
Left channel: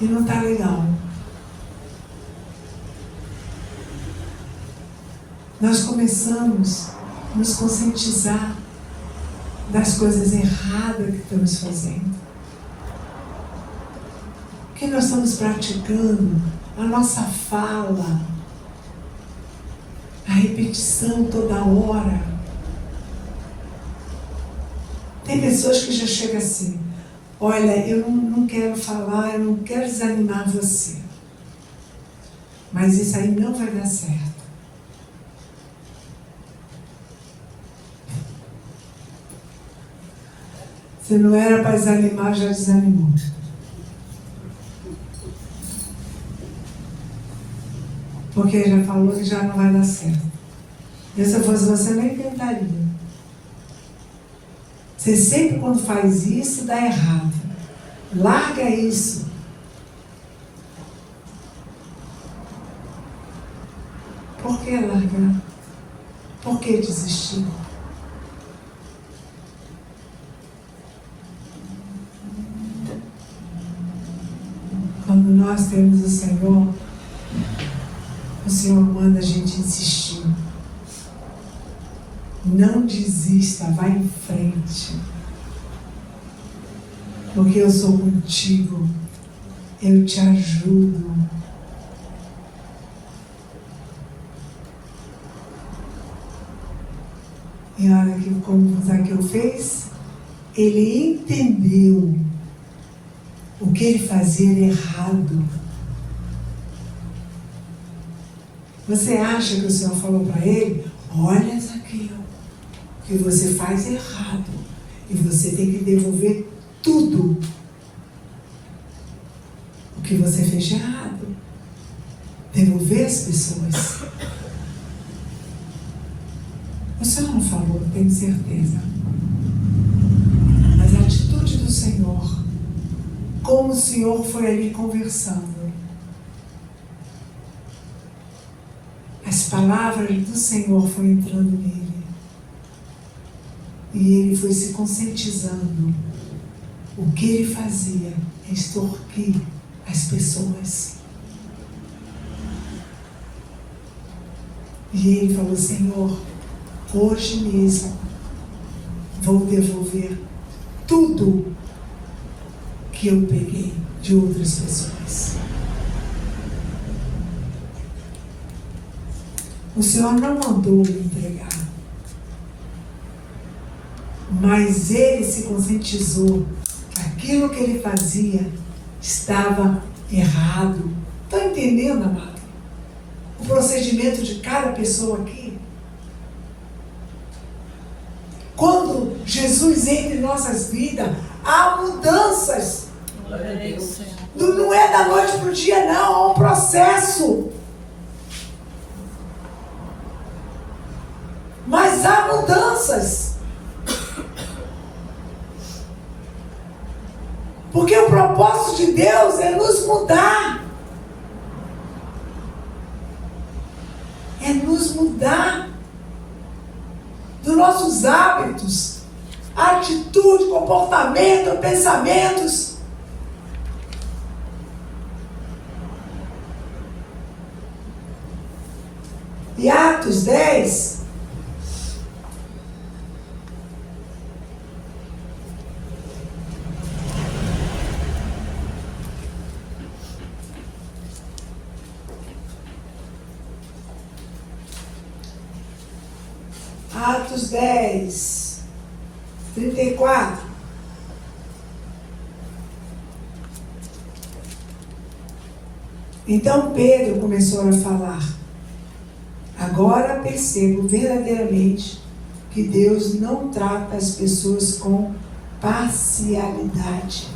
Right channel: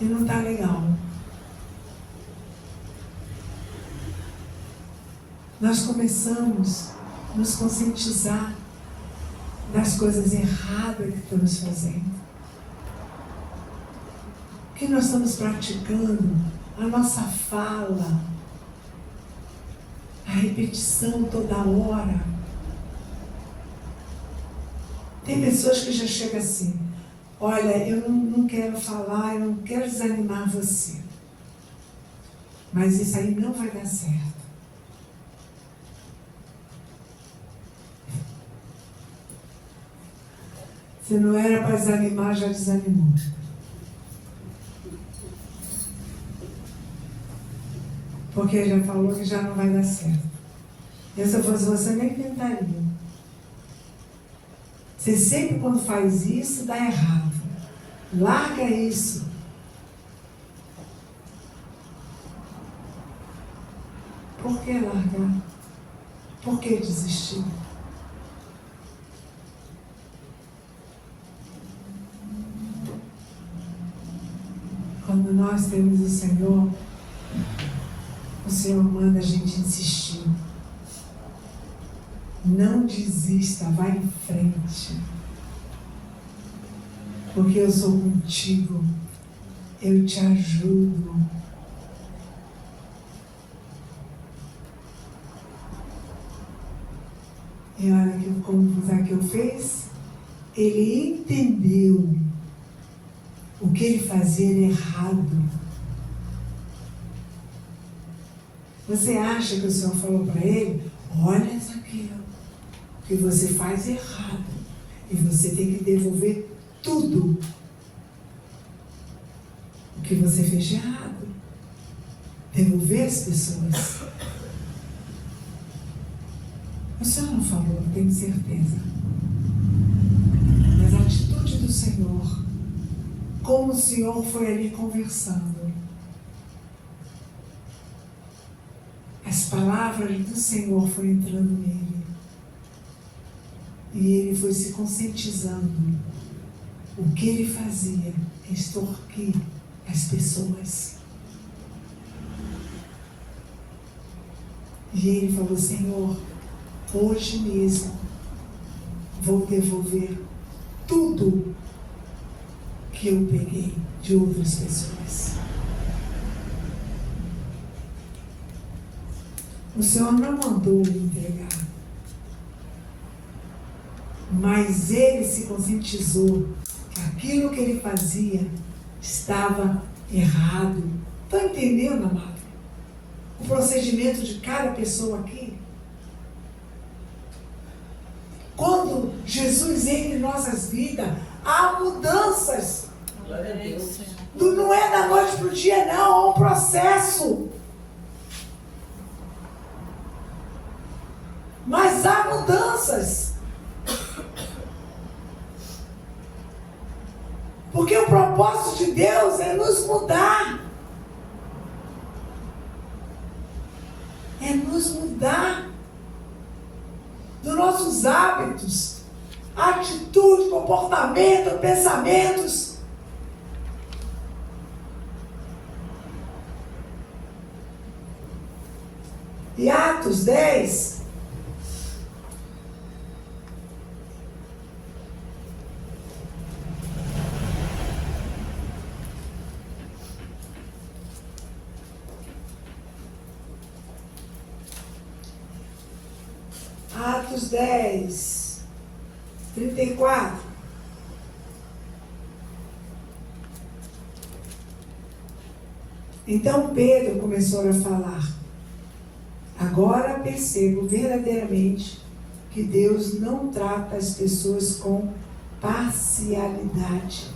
e não está legal. Nós começamos a nos conscientizar das coisas erradas que estamos fazendo. O que nós estamos praticando? A nossa fala, a repetição toda hora. Tem pessoas que já chegam assim: olha, eu não quero falar, eu não quero desanimar você, mas isso aí não vai dar certo. Se não era para desanimar, já desanimou. Porque já falou que já não vai dar certo. E se eu fosse você, nem tentaria. Você sempre, quando faz isso, dá errado. Larga isso. Por que largar? Por que desistir? Quando nós temos o Senhor manda a gente insistir. Não desista, vai em frente. Porque eu sou contigo, eu te ajudo. E olha que como Zaqueu fez, ele entendeu o que ele fazia era errado. Você acha que o Senhor falou para ele: olha, Zaqueu, o que você faz é errado e você tem que devolver tudo o que você fez de errado. Devolver as pessoas. O Senhor não falou, eu tenho certeza. Mas a atitude do Senhor, como o Senhor foi ali conversando, as palavras do Senhor foram entrando nele. E ele foi se conscientizando. O que ele fazia é extorquir as pessoas. E ele falou: Senhor, hoje mesmo vou devolver tudo que eu peguei de outras pessoas. O Senhor não mandou me entregar, mas ele se conscientizou que aquilo que ele fazia estava errado. Está entendendo, amado? O procedimento de cada pessoa aqui. Quando Jesus entra em nossas vidas, há mudanças. Glória a Deus. Não é da noite para o dia, não. Há um processo. Mas há mudanças. Porque o propósito de Deus é nos mudar. É nos mudar dos nossos hábitos, atitude, comportamento, pensamentos. E Atos 10. Atos 10, 34. Então Pedro começou a falar: agora percebo verdadeiramente que Deus não trata as pessoas com parcialidade,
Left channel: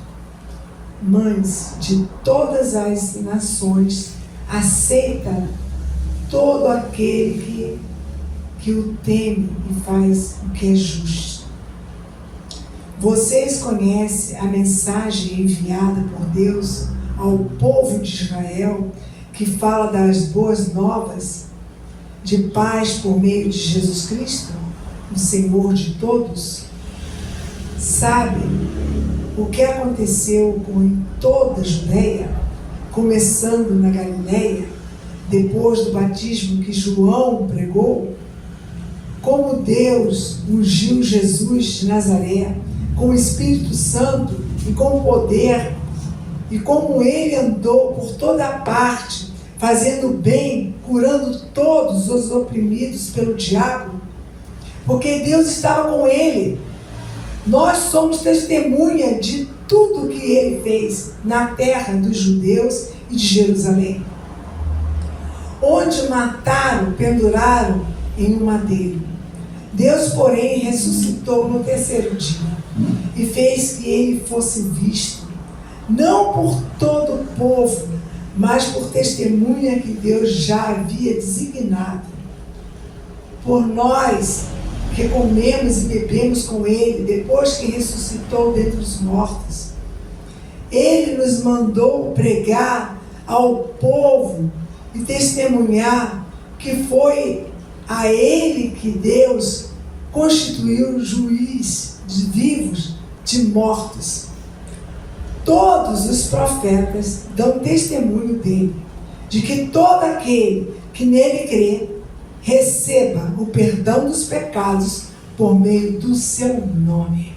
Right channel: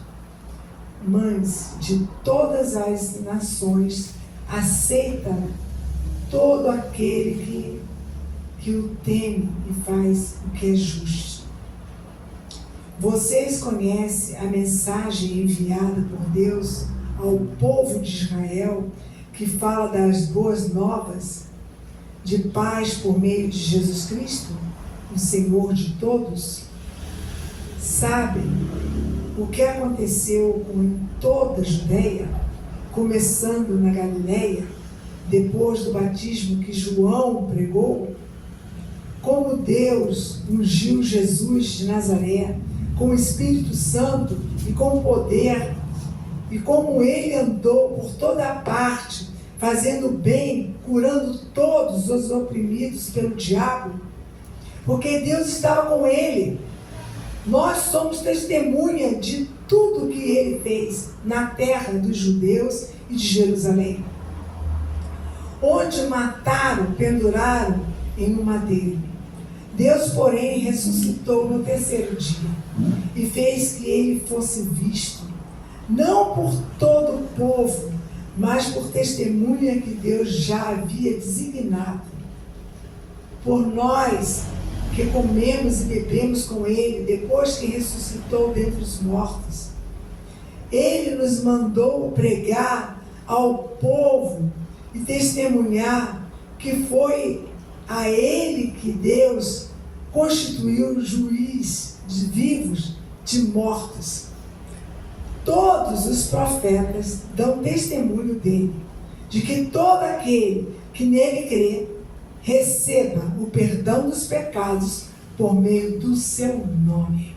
mas de todas as nações aceita todo aquele que o teme e faz o que é justo. Vocês conhecem a mensagem enviada por Deus ao povo de Israel, que fala das boas novas de paz por meio de Jesus Cristo, o Senhor de todos? Sabem o que aconteceu em toda a Judeia, começando na Galileia, depois do batismo que João pregou? Como Deus ungiu Jesus de Nazaré com o Espírito Santo e com poder, e como ele andou por toda parte, fazendo bem, curando todos os oprimidos pelo diabo, porque Deus estava com ele. Nós somos testemunha de tudo que ele fez na terra dos judeus e de Jerusalém, onde o mataram, penduraram em um madeiro. Deus, porém, ressuscitou no terceiro dia e fez que ele fosse visto, não por todo o povo, mas por testemunha que Deus já havia designado. Por nós que comemos e bebemos com ele, depois que ressuscitou dentre os mortos, ele nos mandou pregar ao povo e testemunhar que foi A ele que Deus constituiu juiz de vivos, de mortos. Todos os profetas dão testemunho dele, de que todo aquele que nele crê, receba o perdão dos pecados por meio do seu nome.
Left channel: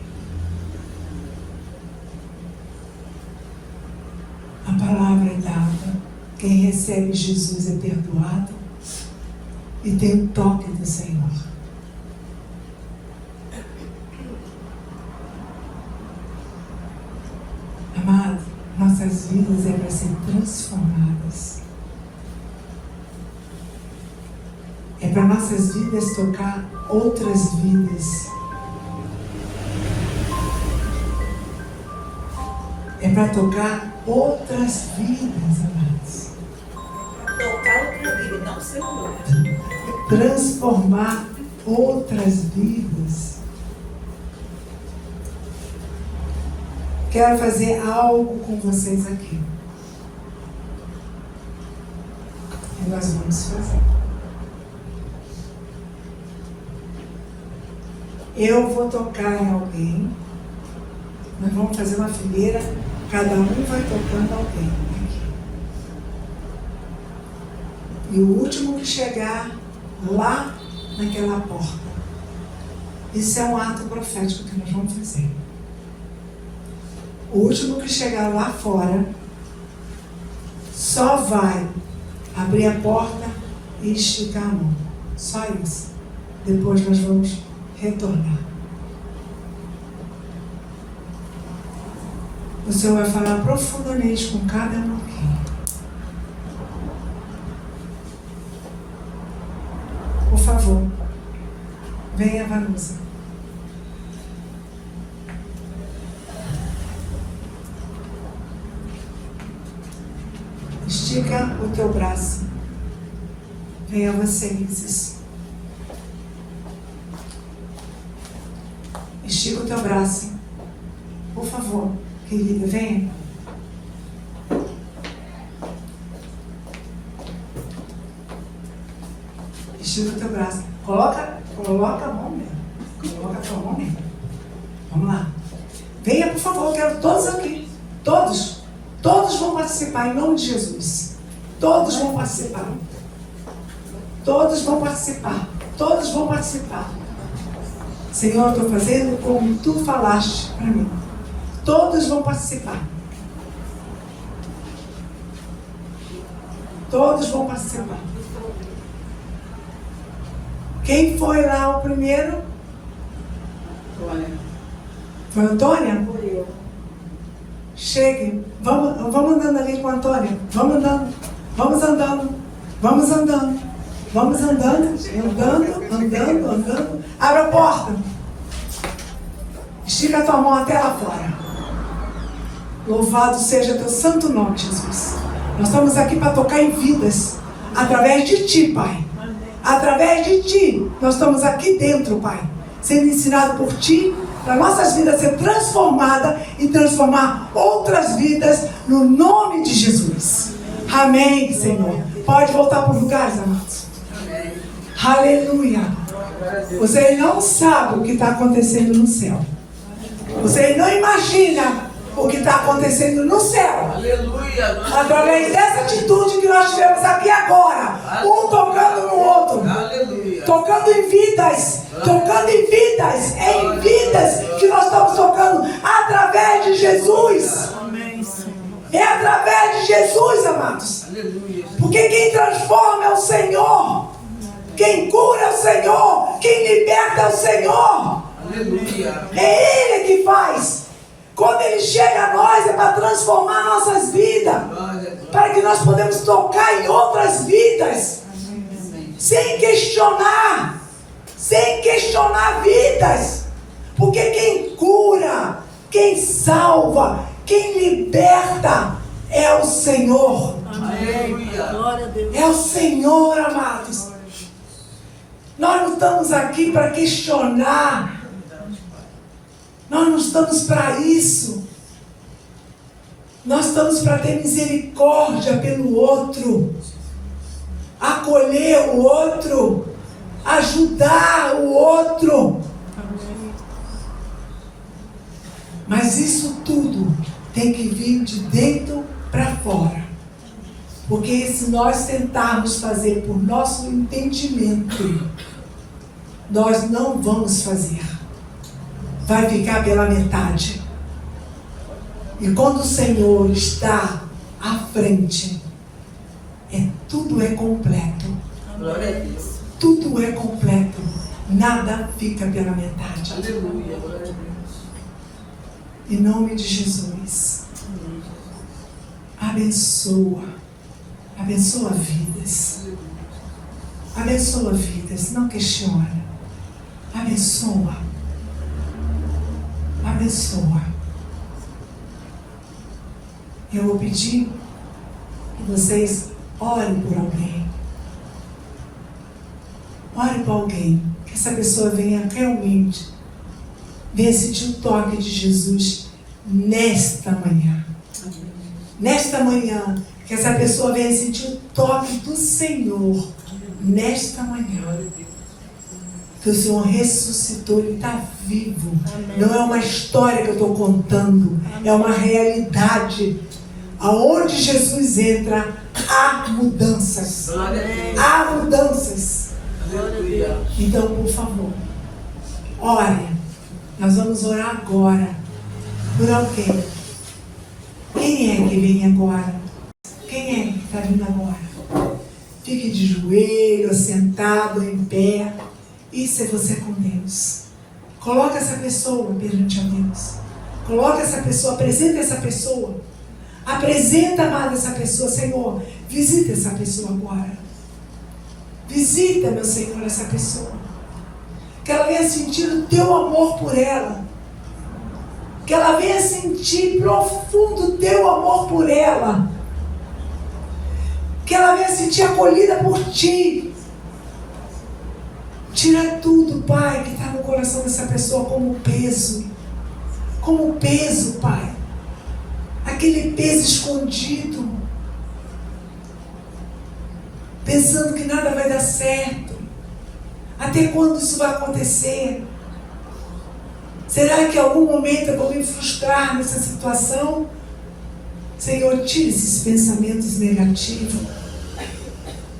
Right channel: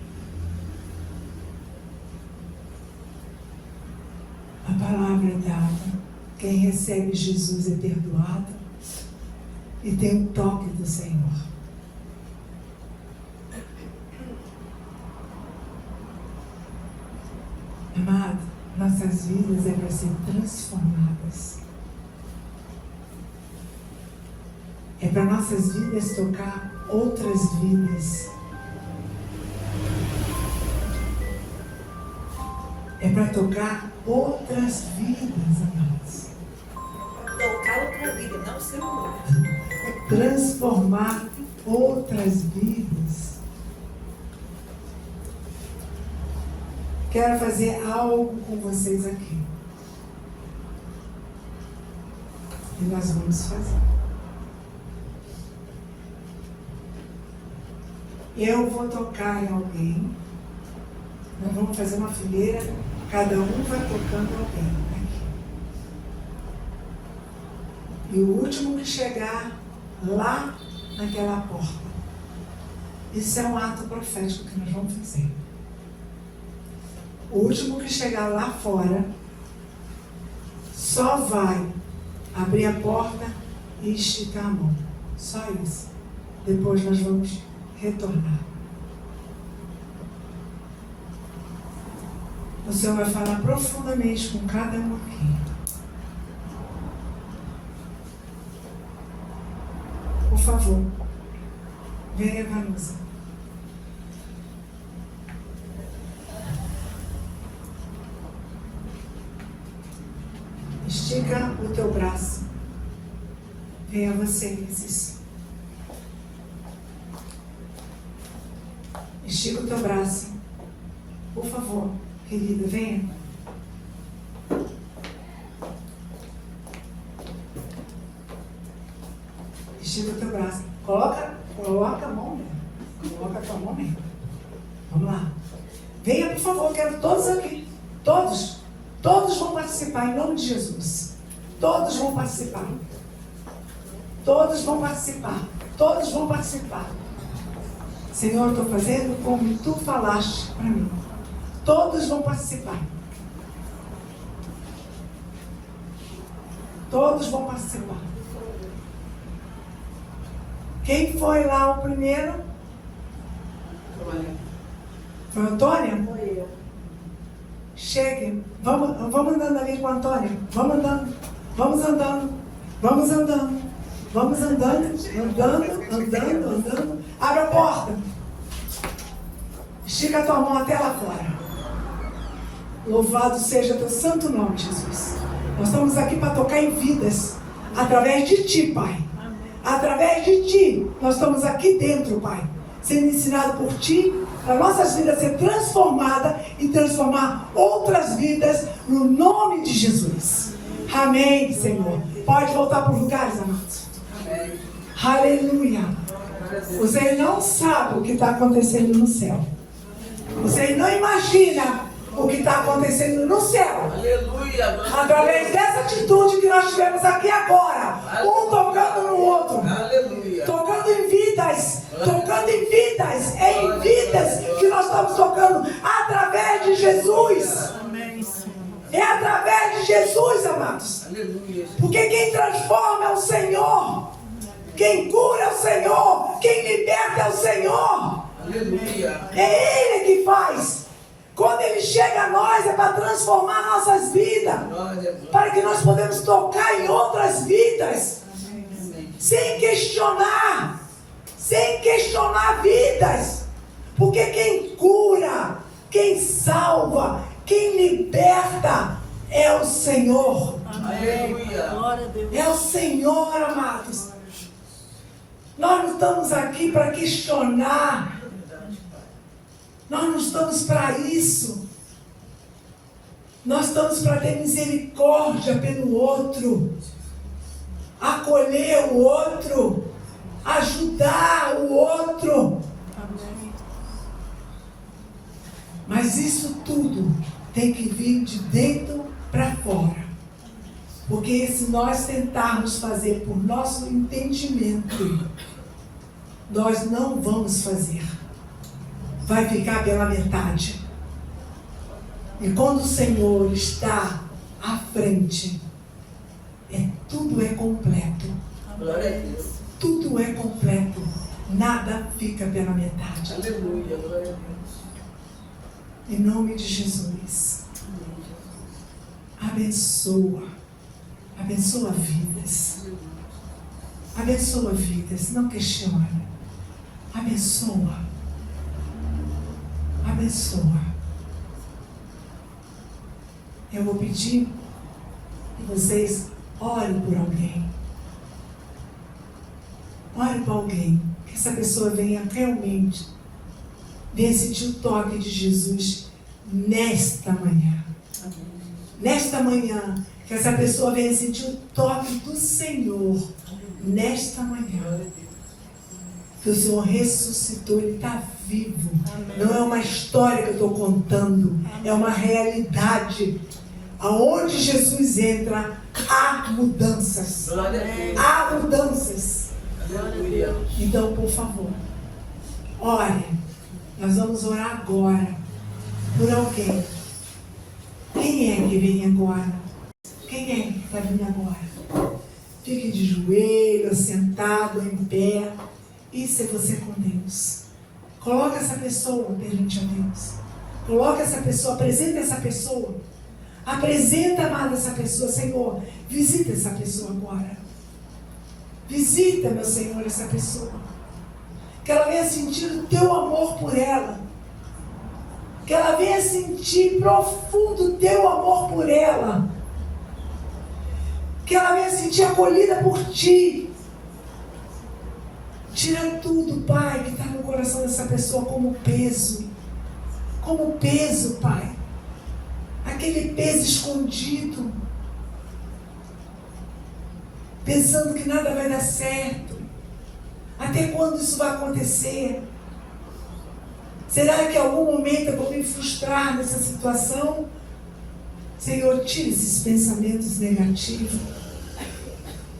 A palavra é dada. Quem recebe Jesus é perdoado e tem o toque do Senhor. Amado, nossas vidas é para ser transformadas. É para nossas vidas tocar outras vidas. É para tocar outras vidas, amados. Tocar outra vida, não celular. Transformar outras vidas. Quero fazer algo com vocês aqui. E nós vamos fazer. Eu vou tocar em alguém. Nós vamos fazer uma fileira. Cada um vai tocando alguém aqui. E o último que chegar lá naquela porta. Isso é um ato profético que nós vamos fazer. O último que chegar lá fora só vai abrir a porta e esticar a mão. Só isso. Depois nós vamos retornar. O Senhor vai falar profundamente com cada um aqui. Por favor, venha, Vanusa. Estica o teu braço. Venha você, Isis. Estica o teu braço. Por favor, querida, venha. Estica o teu braço. Coloca a mão mesmo. Coloca a tua mão mesmo. Vamos lá. Venha, por favor, quero todos aqui. Todos. Todos vão participar em nome de Jesus. Todos vão participar. Todos vão participar. Todos vão participar. Senhor, eu estou fazendo como tu falaste para mim. Todos vão participar. Todos vão participar. Quem foi lá o primeiro? Foi a Antônia? Foi eu. Chegue. Vamos andando ali com a Antônia. Vamos andando. Vamos andando. Vamos andando. Vamos andando. Andando. Abre a porta. Estica a tua mão até lá fora. Louvado seja teu santo nome, Jesus. Nós estamos aqui para tocar em vidas. Através de ti, Pai. Através de ti. Nós estamos aqui dentro, Pai. Sendo ensinado por ti. Para nossas vidas ser transformada e transformar outras vidas no nome de Jesus. Amém, Senhor. Pode voltar para os lugares, amados. Amém. Aleluia. Vocês não sabem o que está acontecendo no céu. Vocês não imaginam o que está acontecendo no céu. Aleluia. Através dessa atitude que nós tivemos aqui agora. Um tocando no outro. Aleluia. Tocando em vidas. Tocando em vidas. É em vidas que nós estamos tocando. Através de Jesus. É através de Jesus, amados. Aleluia. Porque quem transforma é o Senhor. Quem cura é o Senhor. Quem liberta é o Senhor. Aleluia. É Ele que faz. Quando Ele chega a nós é para transformar nossas vidas. Para que nós podemos tocar em outras vidas. Sem questionar. Sem questionar vidas. Porque quem cura, quem salva, quem liberta é o Senhor. Aleluia. Glória a Deus. É o Senhor, amados. Nós não estamos aqui para questionar. Nós não estamos para isso. Nós estamos para ter misericórdia pelo outro. Acolher o outro. ajudar o outro. Mas isso tudo tem que vir de dentro para fora. Porque se nós tentarmos fazer por nosso entendimento, nós não vamos fazer. Vai ficar pela metade. E quando o Senhor está à frente, tudo é completo. Glória a Deus. Tudo é completo. Nada fica pela metade. Aleluia. Glória a Deus. Em nome de Jesus. Abençoa. Abençoa vidas. Abençoa vidas. Não questiona. Abençoa. Abençoa. Eu vou pedir que vocês orem por alguém. Ore por alguém. Que essa pessoa venha realmente sentir o toque de Jesus nesta manhã. Nesta manhã. Que essa pessoa venha sentir o toque do Senhor nesta manhã. Que o Senhor ressuscitou, Ele está vivo. Não é uma história que eu estou contando, é uma realidade. Aonde Jesus entra, há mudanças. Há mudanças. Aleluia. Então, por favor, ore. Nós vamos orar agora por alguém. Quem é que vem agora? Quem é que está vindo agora? Fique de joelho, sentado, em pé. Isso é você com Deus. Coloca essa pessoa perante a Deus. Coloca essa pessoa, apresenta essa pessoa. Apresenta, amada, essa pessoa. Senhor, visita essa pessoa agora. Visita, meu Senhor, essa pessoa. Que ela venha sentir o teu amor por ela. Que ela venha sentir profundo o teu amor por ela. Que ela venha sentir acolhida por ti. Tira tudo, Pai, que está no coração dessa pessoa como peso. Como peso, Pai. Aquele peso escondido. Pensando que nada vai dar certo. Até quando isso vai acontecer? Será que em algum momento eu vou me frustrar nessa situação? Senhor, tira esses pensamentos negativos.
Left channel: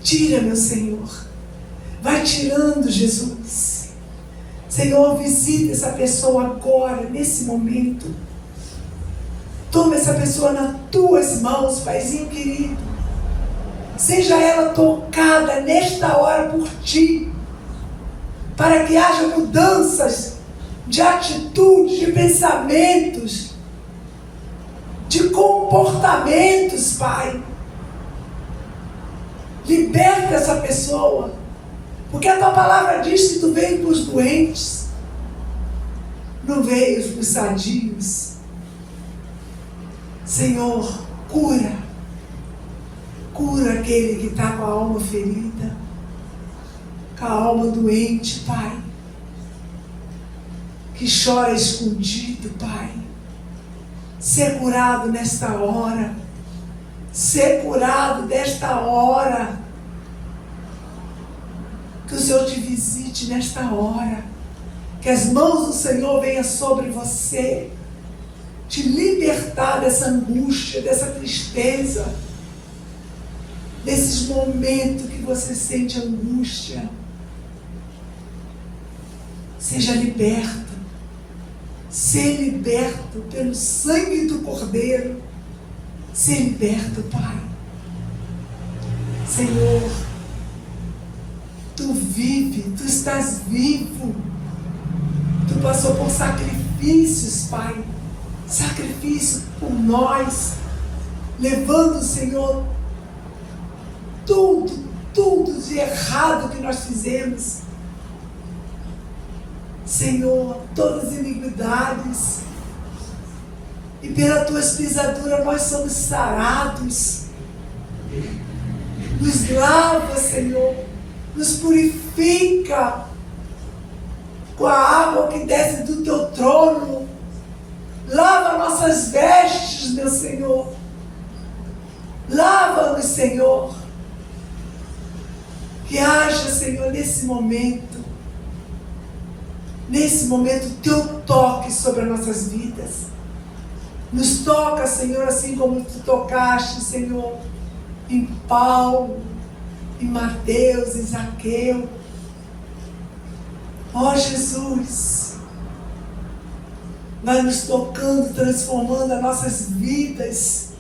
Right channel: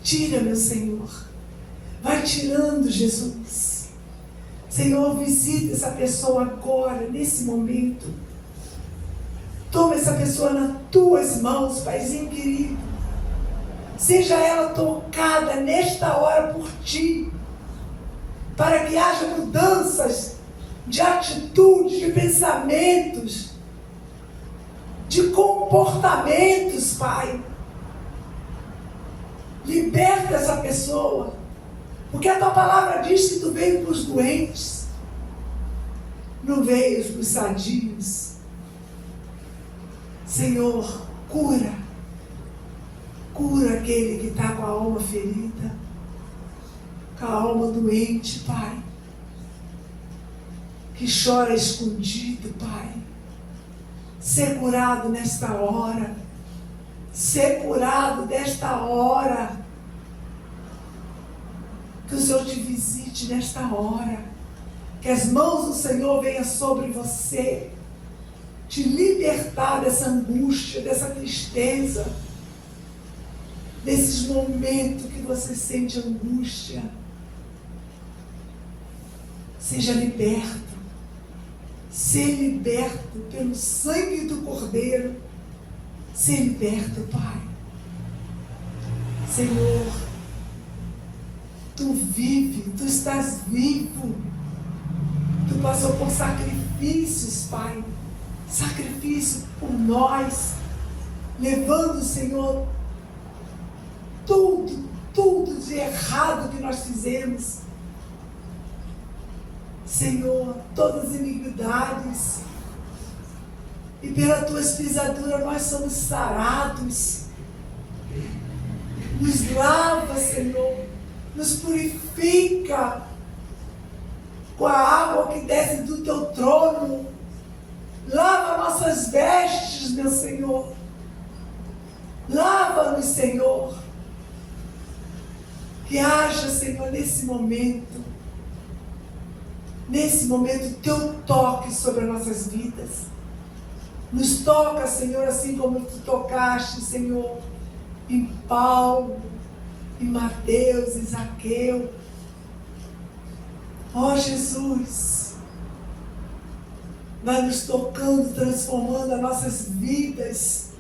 Tira, meu Senhor. Vai tirando, Jesus. Senhor, visita essa pessoa agora, nesse momento. Toma essa pessoa nas tuas mãos, Paizinho querido. Seja ela tocada nesta hora por ti. Para que haja mudanças de atitudes, de pensamentos, de comportamentos, Pai. Liberta essa pessoa. Porque a tua palavra diz que tu veio para os doentes. Não veio para os sadios. Senhor, cura. Cura aquele que está com a alma ferida. Com a alma doente, Pai. Que chora escondido, Pai. Ser curado nesta hora. Ser curado desta hora. Que o Senhor te visite nesta hora. Que as mãos do Senhor venham sobre você. Te libertar dessa angústia, dessa tristeza. Desses momentos que você sente angústia. Seja liberto. Ser liberto pelo sangue do Cordeiro. Ser liberto, Pai. Senhor, tu vive, tu estás vivo. Tu passou por sacrifícios, Pai. Sacrifício por nós. Levando, Senhor, tudo de errado que nós fizemos. Senhor, todas as iniquidades. E pela tua pisaduras nós somos sarados. Nos lava, Senhor. Nos purifica com a água que desce do teu trono. Lava nossas vestes, meu Senhor. Lava-nos, Senhor. Que haja, Senhor, nesse momento, teu toque sobre as nossas vidas. Nos toca, Senhor, assim como tu tocaste, Senhor, em Paulo, em Mateus, em Zaqueu. Ó Jesus, vai nos tocando, transformando as nossas vidas.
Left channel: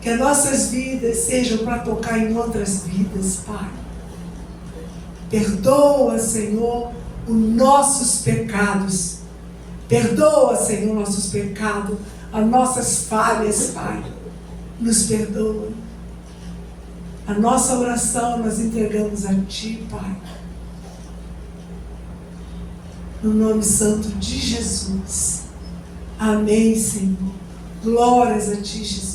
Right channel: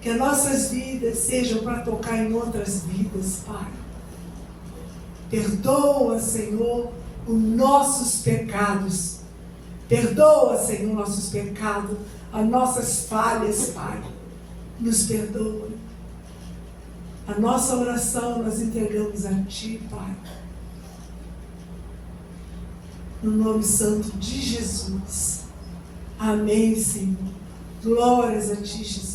Que as nossas vidas sejam para tocar em outras vidas, Pai. Perdoa, Senhor, os nossos pecados. Perdoa, Senhor, nossos pecados, as nossas falhas, Pai. Nos perdoa. A nossa oração nós entregamos a Ti, Pai. No nome santo de Jesus. Amém, Senhor. Glórias a Ti, Jesus.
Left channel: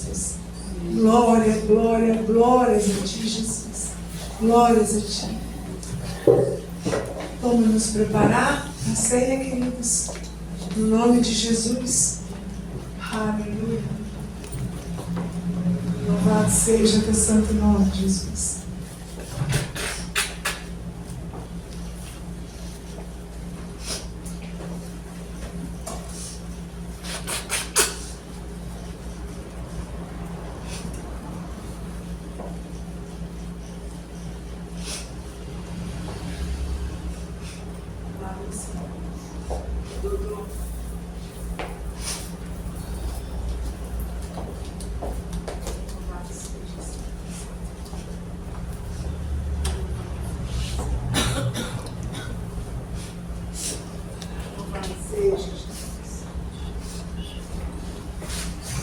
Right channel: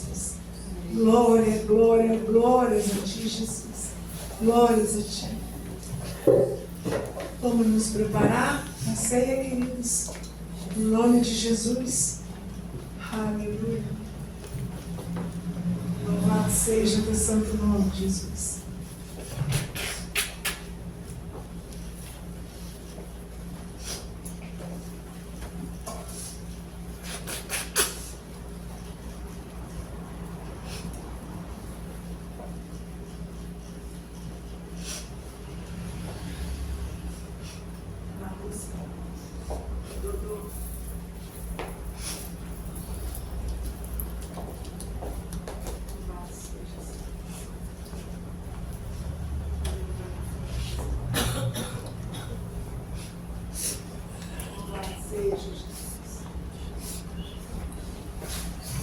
Glória, glória, glórias a Ti, Jesus. Glórias a Ti. Vamos nos preparar para a ceia, queridos. No nome de Jesus. Aleluia. Louvado seja teu santo nome, Jesus.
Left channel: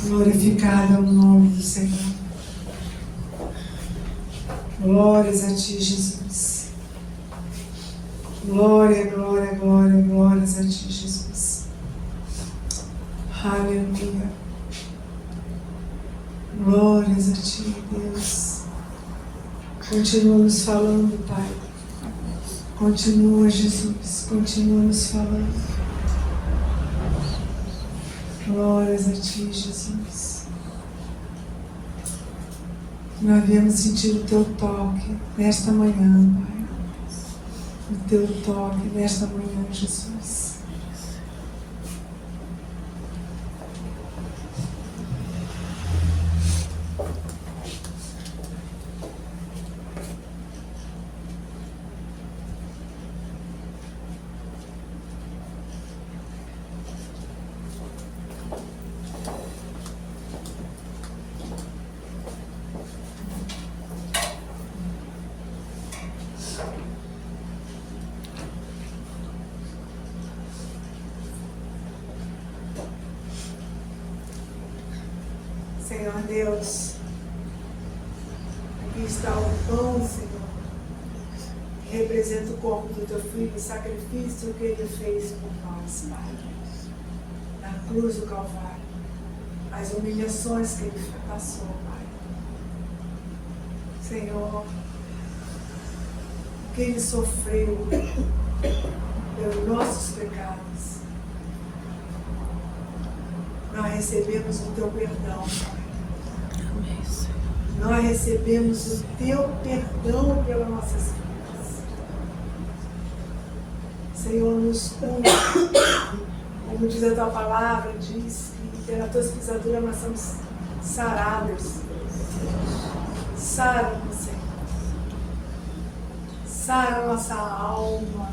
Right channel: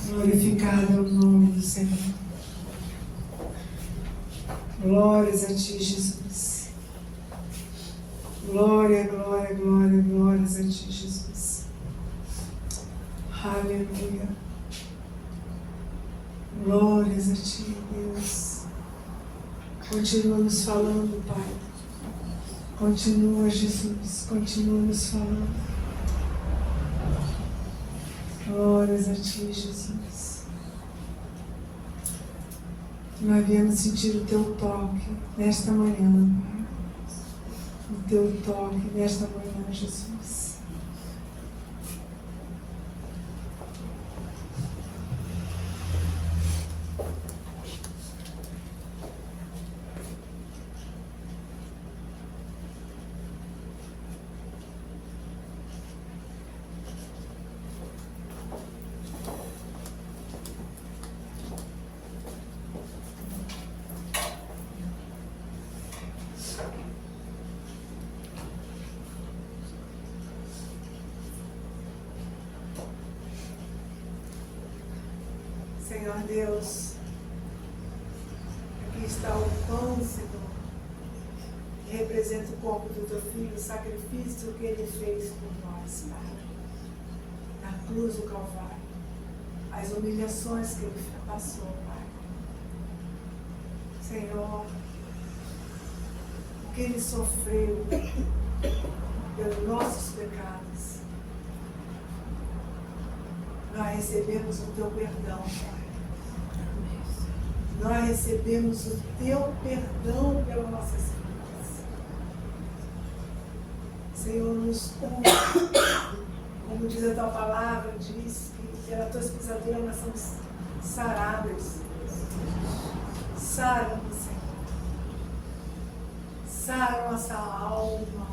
Glorificado é o nome do Senhor. Glórias a Ti, Jesus. Glória, glória, glória, glórias a Ti, Jesus. Aleluia. Glórias a Ti, Deus. Continua nos falando, Pai. Continua, Jesus. Continua nos falando. Glórias a Ti, Jesus. Nós viemos sentir o Teu toque nesta manhã, Pai. O Teu toque nesta manhã, Jesus. Senhor Deus, aqui está o pão, Senhor, que representa o corpo do Teu Filho, o sacrifício que Ele fez por nós, Pai, na cruz do Calvário, as humilhações que Ele passou, Pai. Senhor, o que Ele sofreu pelos nossos pecados, nós recebemos o Teu perdão, Pai. Nós recebemos o Teu perdão pelas nossas vidas. Senhor, nos cura. Como diz a Tua palavra, diz que pelas Tuas pisaduras nós somos sarados. Sara-nos, Senhor. Sara a nossa alma.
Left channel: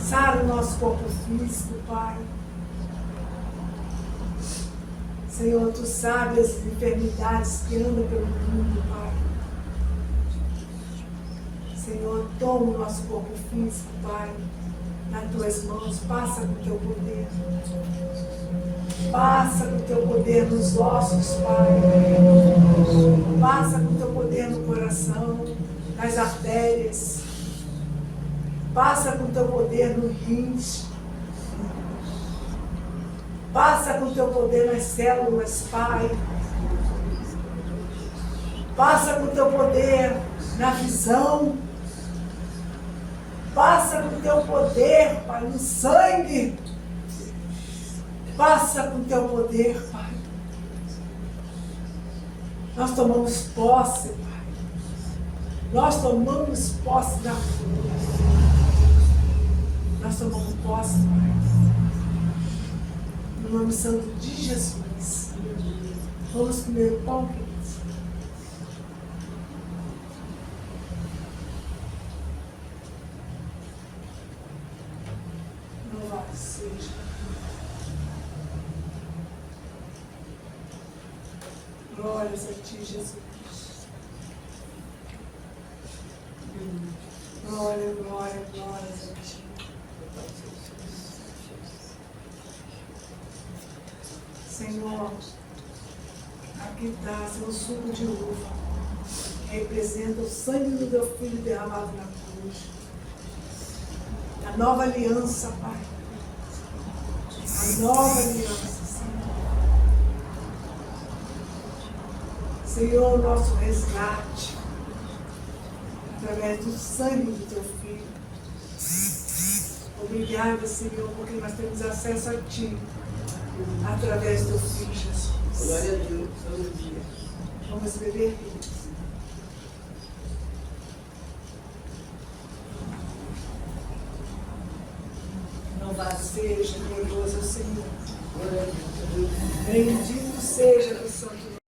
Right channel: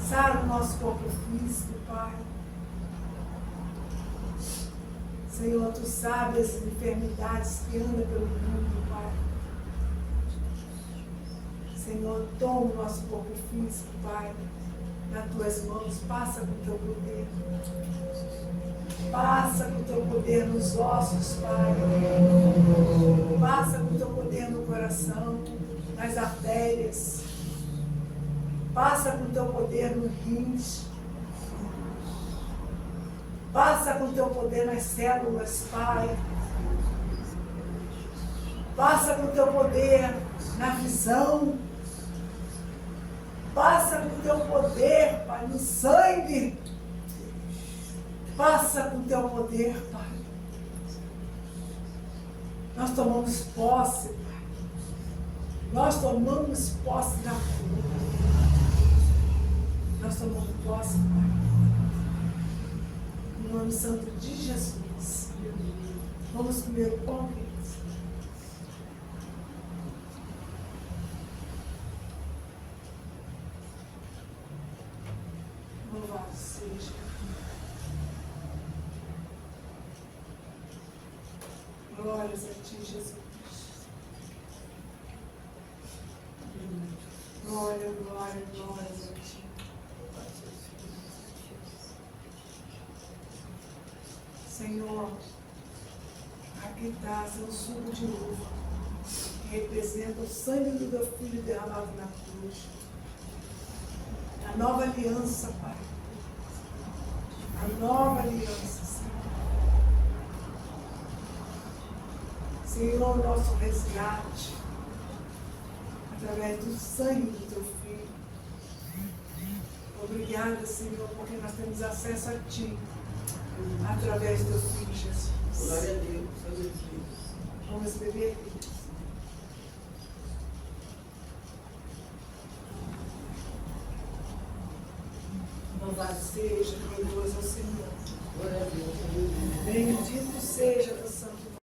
Sara o nosso corpo físico, Pai. Senhor, Tu sabes as enfermidades que andam pelo mundo, Pai. Senhor, toma o nosso corpo físico, Pai, nas Tuas mãos. Passa com o Teu poder. Passa com o Teu poder nos ossos, Pai. Passa com o Teu poder no coração, nas artérias. Passa com o Teu poder no rins. Passa com o Teu poder nas células, Pai. Passa com o Teu poder na visão. Passa com o Teu poder, Pai, no sangue. Passa com o Teu poder, Pai. Nós tomamos posse, Pai. Nós tomamos posse da cruz. Nós tomamos posse, Pai. No nome santo de Jesus. Vamos comer o pão, queridos. Louvado seja. Glórias a ti, Jesus. Glória, glória, glória a ti. Senhor, aqui está seu suco de uva. Representa o sangue do teu filho derramado na cruz. A nova aliança, Pai. A nova aliança, Senhor. Senhor, nosso resgate, através do sangue do teu filho. Obrigada, Senhor, porque nós temos acesso a ti, através do teu filho, Jesus. Glória a Deus. Aleluia. Vamos beber, queridos. Louvado seja, glorioso é o Senhor. Glória a Deus. Aleluia. Bendito seja o